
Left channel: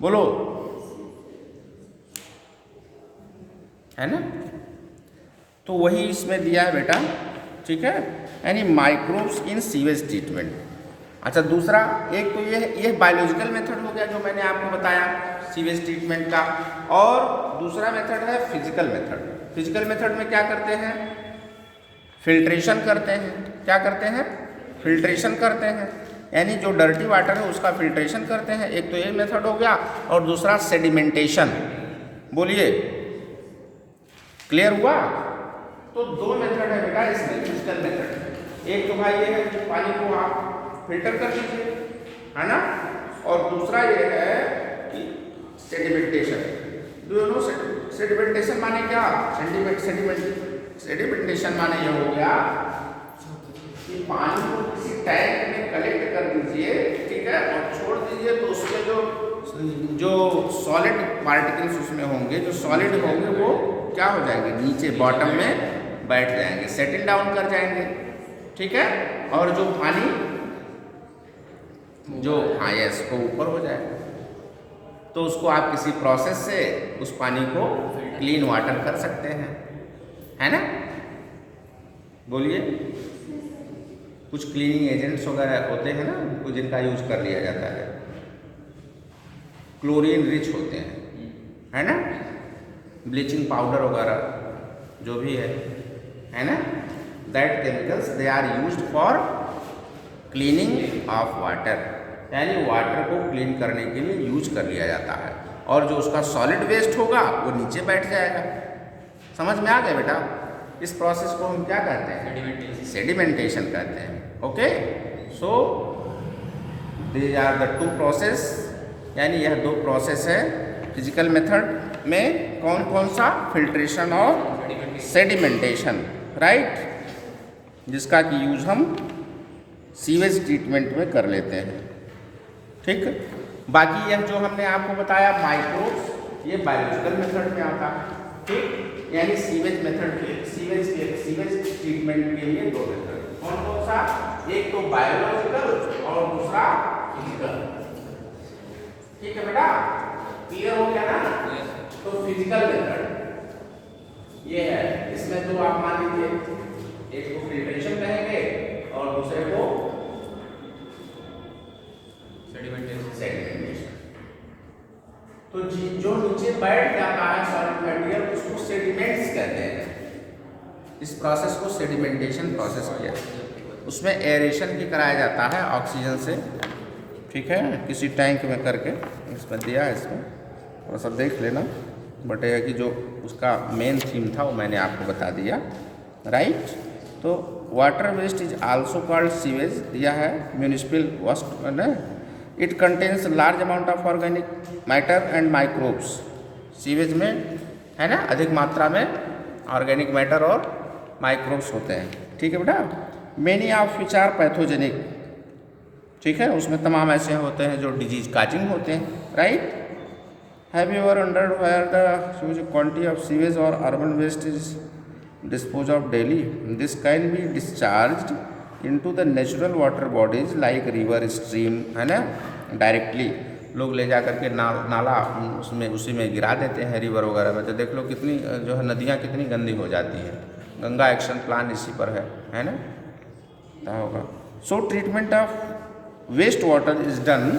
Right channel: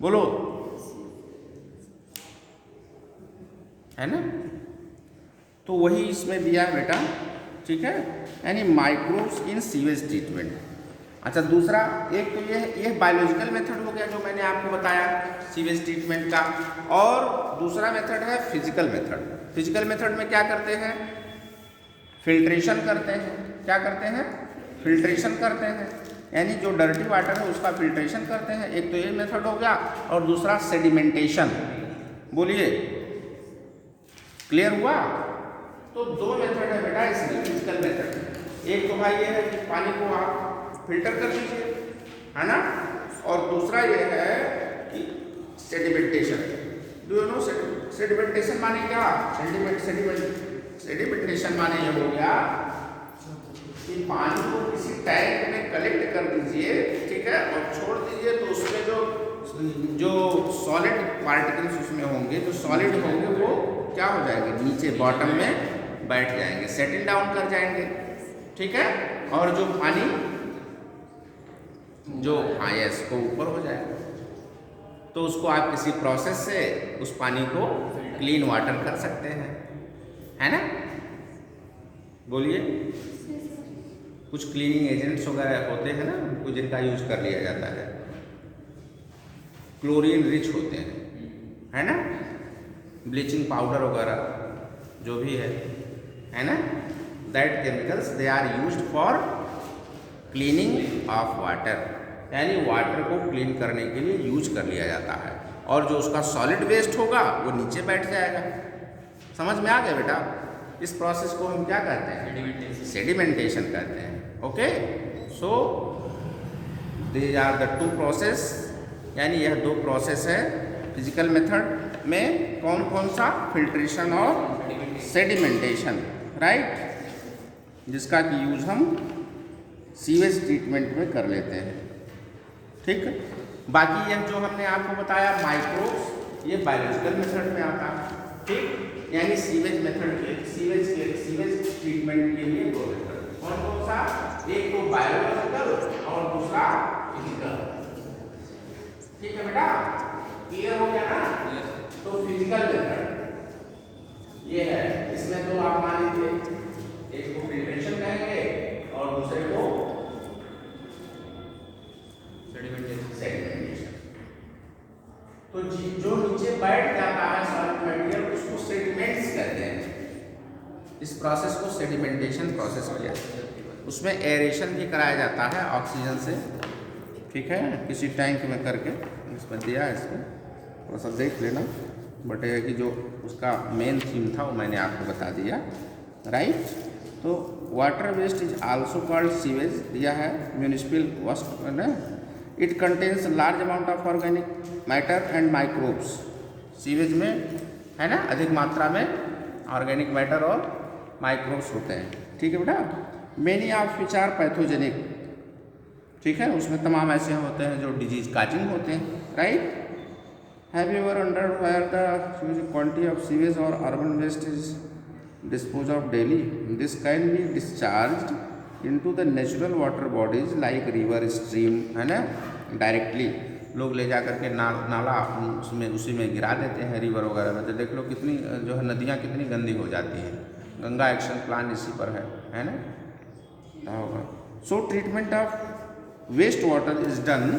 बोलो, है ना? तो वही इसमें दिया है बेटा, ठीक है, यानी माइक्रोब्स इन सीवेज ट्रीटमेंट। अच्छा, दूसरा एक तो ये बायोलॉजिकल मेथड हो गया जो मैंने आपको बताया सीवेज ट्रीटमेंट का, और दूसरा मेथड है फिजिकल मेथड। फिजिकल मेथड में क्या करते हैं? फिल्ट्रेशन करते हैं। क्या करते हैं? फिल्ट्रेशन करते हैं, यानी जो डर्टी वाटर है उसका फिल्ट्रेशन करते हैं। एक तो ये मेथड हो गया, और दूसरा सेडिमेंटेशन। बोलिए, क्लियर हुआ? तो दो मेथड है बेटा इसमें, फिजिकल मेथड। एक तो भाई ये पानी को आप फिल्टर कर लीजिए, है ना, और दूसरा ये है कि sedimentation. Do you know sedimentation माने क्या? सेडिमेंटेशन माने ये हो गया कि पानी को किसी टैंक में कलेक्ट कर दीजिए, ठीक है, और छोड़ दीजिए, तो उसके जो सॉलिड पार्टिकल्स उसमें होंगे, जो सॉलिड होंगे, वो क्या हो जाएंगे? नीचे बॉटम में बैठ जाएंगे, सेटल डाउन कर जाएंगे, ठीक है, और जो पानी जो यस को ऊपर हो जाएगा। तो उसको आप किसी प्रोसेस से उस पानी को क्लीन वाटर कर सकते हैं, है ना? बोलिए, कुछ क्लीनिंग एजेंट्स वगैरह होते हैं ना, उनको जिनका यूज कर लिया जाता है, क्लोरीन रिच होते हैं, है ना, ब्लीचिंग पाउडर वगैरह जो भी है ना, that chemicals they are used for cleaning of water, यानी वाटर को क्लीन करने के लिए यूज कर लिया जाता है, और जो उसका सॉलिड वेस्ट होगा वो नीचे बैठ जाएगा। समझ में आ गया बेटा? इस प्रोसेस को हम क्या कहते हैं? सेडिमेंटेशन कहते हैं। Okay, so these are the two process, यानी यह दो प्रोसेस है फिजिकल मेथड में। कौन कौन सा? फिल्ट्रेशन और सेडिमेंटेशन, राइट, जिसका कि यूज हम सीवेज ट्रीटमेंट में कर लेते हैं, ठीक है। बाकी यह जो हमने आपको बताया माइक्रोब्स, ये बायोलॉजिकल मेथड में आता है, ठीक, यानी सीवेज मेथड के सीवेज ट्रीटमेंट के लिए दो मेथड। कौन कौन सा? एक तो बायोलॉजिकल और दूसरा फिजिकल, ठीक है बेटा? क्लियर हो गया ना? तो फिजिकल मेथड ये है, इसमें तो आप मान लीजिए एक को फिल्ट्रेशन कहेंगे और दूसरे को सेडिमेंटेशन। तो जो नीचे बैठ जाता है सॉलिड मटेरियल, उसको सेडिमेंट्स कहते हैं। इस प्रोसेस को सेडिमेंटेशन प्रोसेस किया, उसमें एरेशन भी कराया जाता है ऑक्सीजन से, ठीक है, किसी टैंक में करके इसमें दिया है, इसमें थोड़ा सा देख लेना। बट यह कि जो उसका मेन थीम था वो मैंने आपको बता दिया, राइट। तो water waste is also called sewage दिया है, म्यूनिसिपल वेस्ट है। It contains large amount of organic matter and microbes. Sewage में है ना अधिक मात्रा में ऑर्गेनिक मैटर और माइक्रोब्स होते हैं, ठीक है बेटा। Many of which are pathogenic, ठीक है, उसमें तमाम ऐसे होते हैं जो डिजीज काजिंग होते हैं, right. Have you ever wondered where the quantity of sewage और urban waste is dispose of daily? This can be discharged into the natural water bodies like river, stream, है ना, डायरेक्टली लोग ले जा करके नाला उसमें उसी में गिरा देते हैं, रिवर वगैरह में। तो देख लो कितनी जो है नदियाँ कितनी गंदी हो जाती हैं। गंगा एक्शन प्लान इसी पर है ना। पता होगा। So treatment of waste water is done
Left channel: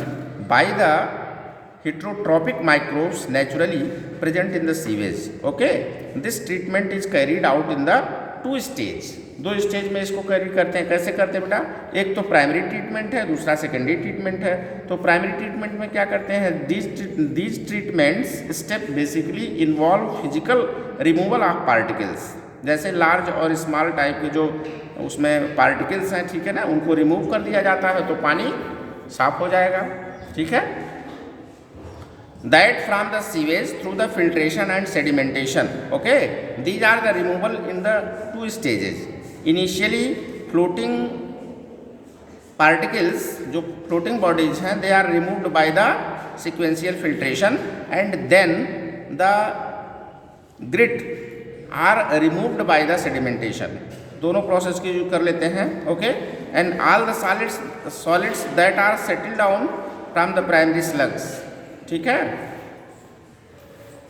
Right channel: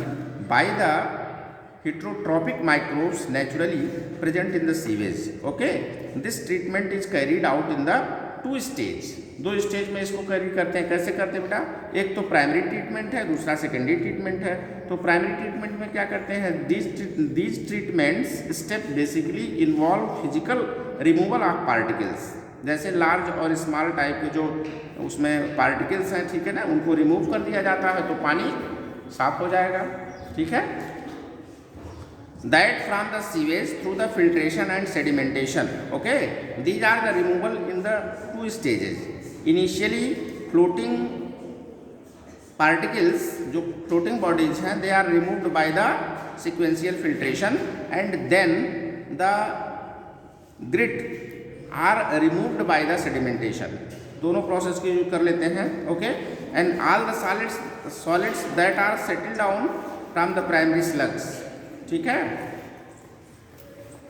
by the heterotrophic microbes naturally present in the sewage. Okay, this treatment is carried out in the 2 stage. 2 stage में इसको कैरी करते हैं। कैसे करते हैं बेटा? एक तो प्राइमरी ट्रीटमेंट है, दूसरा सेकेंडरी ट्रीटमेंट है। तो प्राइमरी ट्रीटमेंट में क्या करते हैं? These treatments step basically involve physical removal of particles, जैसे लार्ज और स्मॉल टाइप के जो उसमें पार्टिकल्स हैं, ठीक है ना, उनको रिमूव कर दिया जाता है तो पानी साफ हो जाएगा। ठीक है, that from the sewage through the filtration and sedimentation. Okay, these are the removal in the 2 stages. Initially floating particles, जो floating bodies हैं, they are removed by the sequential filtration, and then the grit are removed by the sedimentation. दोनों process के use कर लेते हैं। Okay, and all the solids that are settle down from the primary sludges. ठीक है,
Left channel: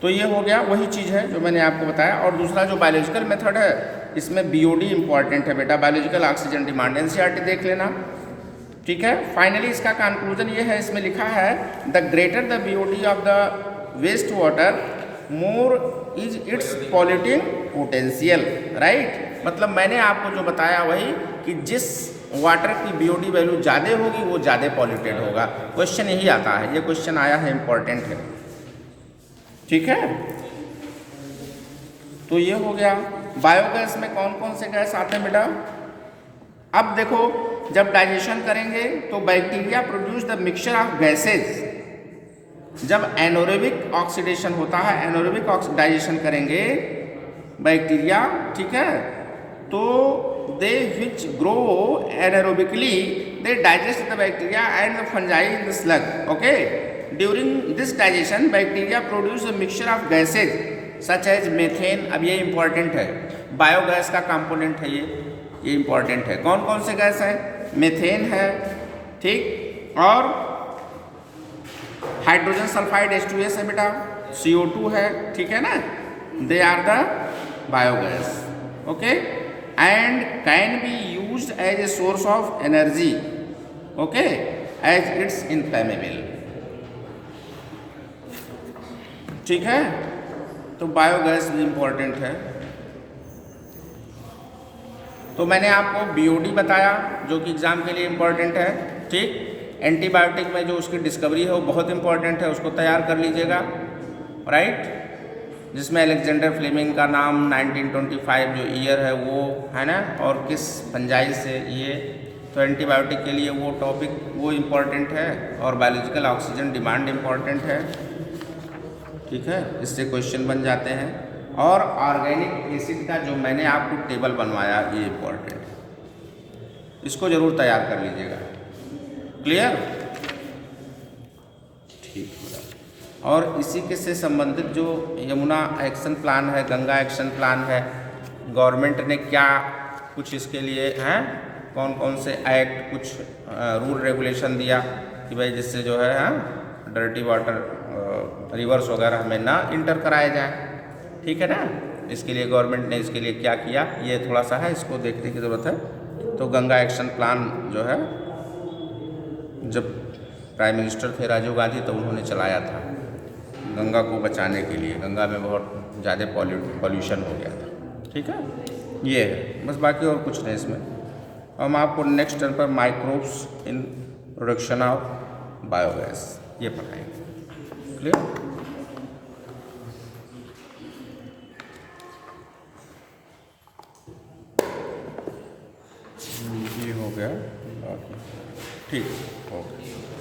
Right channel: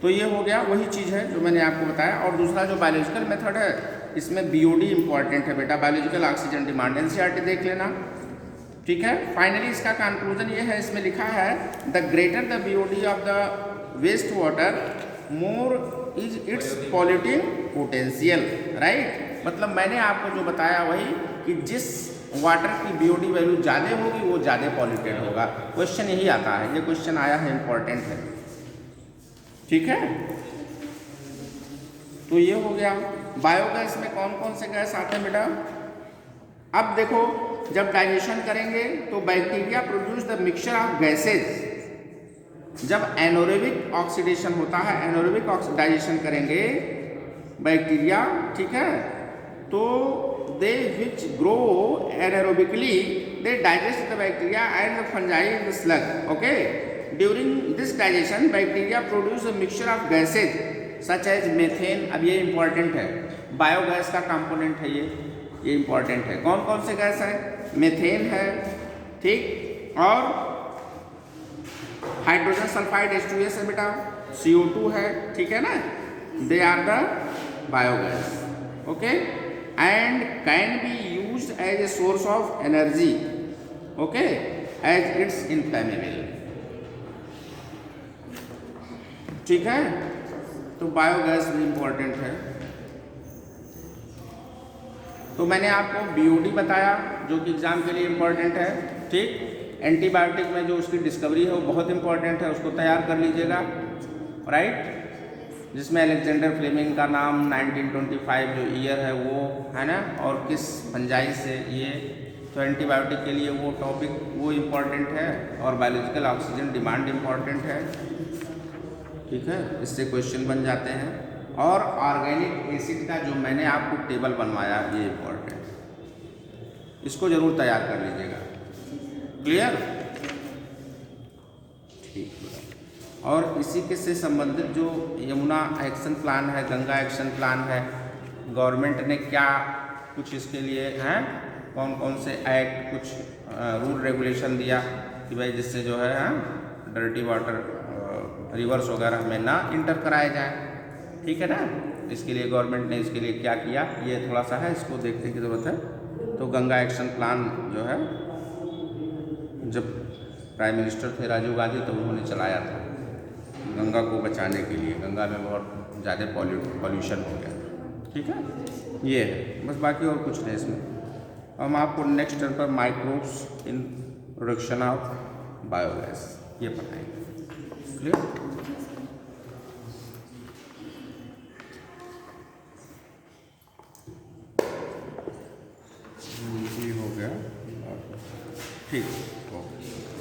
तो ये हो गया वही चीज़ है जो मैंने आपको बताया। और दूसरा जो बायोलॉजिकल मेथड है, इसमें बीओडी इंपॉर्टेंट है बेटा, बायोलॉजिकल ऑक्सीजन डिमांड, एनसीईआरटी देख लेना। ठीक है, फाइनली इसका कंक्लूजन ये है, इसमें लिखा है the greater the BOD of the waste water more is its polluting potential. Right, मतलब मैंने आपको जो बताया वही कि जिस वाटर की बीओडी वैल्यू ज़्यादा होगी वो ज़्यादा पॉल्यूटेड होगा। क्वेश्चन यही आता है, ये क्वेश्चन आया है, इंपॉर्टेंट है। ठीक है, तो ये हो गया। बायोगैस में कौन कौन से गैस आते हैं बेटा? अब देखो, जब डाइजेशन करेंगे तो bacteria produce the mixture of gases. जब एनोरेबिक ऑक्सीडेशन होता है, एनोरेबिक डाइजेशन करेंगे बैक्टीरिया, ठीक है, तो they which grow anaerobically they digest the bacteria and the fungi in the slug. Okay, during this digestion bacteria produce a mixture of gases such as methane. अब ये important है, biogas का component है ये important है। कौन कौन से गैस है? मेथेन है, ठीक, और हाइड्रोजन सल्फाइड H2S है बेटा, CO2 है, ठीक है ना, they are the biogas. Okay, and can be used as a source of energy. Okay, as it's inflammable. ठीक है, तो बायोगैस भी इम्पोर्टेंट है। तो मैंने आपको बीओडी बताया जो कि एग्जाम के लिए इम्पोर्टेंट है। ठीक, एंटीबायोटिक में जो उसकी डिस्कवरी है वो बहुत इम्पोर्टेंट है, उसको तैयार कर लीजिएगा। राइट, जिसमें अलेक्जेंडर फ्लेमिंग का नाम 1925 जो ईयर है वो है ना, और किस फंजाई से ये, तो एंटीबायोटिक के लिए वो टॉपिक वो इम्पॉर्टेंट है, और बायोलॉजिकल ऑक्सीजन डिमांड इम्पॉर्टेंट है। ठीक है, इससे क्वेश्चन बन जाते हैं। और ऑर्गेनिक एसिड का जो मैंने आपको टेबल बनवाया ये इम्पॉर्टेंट है, इसको ज़रूर तैयार कर लीजिएगा। क्लियर? ठीक है, और इसी के से संबंधित जो यमुना एक्शन प्लान है, गंगा एक्शन प्लान है, गवर्नमेंट ने क्या कुछ इसके लिए हैं, कौन कौन से एक्ट, कुछ रूल रेगुलेशन दिया कि भाई जिससे जो है डर्टी वाटर रिवर्स वगैरह में ना इंटर कराया जाए। ठीक है ना, इसके लिए गवर्नमेंट ने इसके लिए क्या किया, ये थोड़ा सा है, इसको देखने की ज़रूरत है। तो गंगा एक्शन प्लान जो है, जब प्राइम मिनिस्टर थे राजीव गांधी तो उन्होंने चलाया था गंगा को बचाने के लिए। गंगा में बहुत ज़्यादा पॉल्यूशन हो गया था। ठीक है, ये है बस, बाकी और कुछ नहीं इसमें। हम आपको नेक्स्ट टर्म पर microbes in production of biogas ये पढ़ाएंगे। क्लियर? ये हो गया, ठीक, ओके।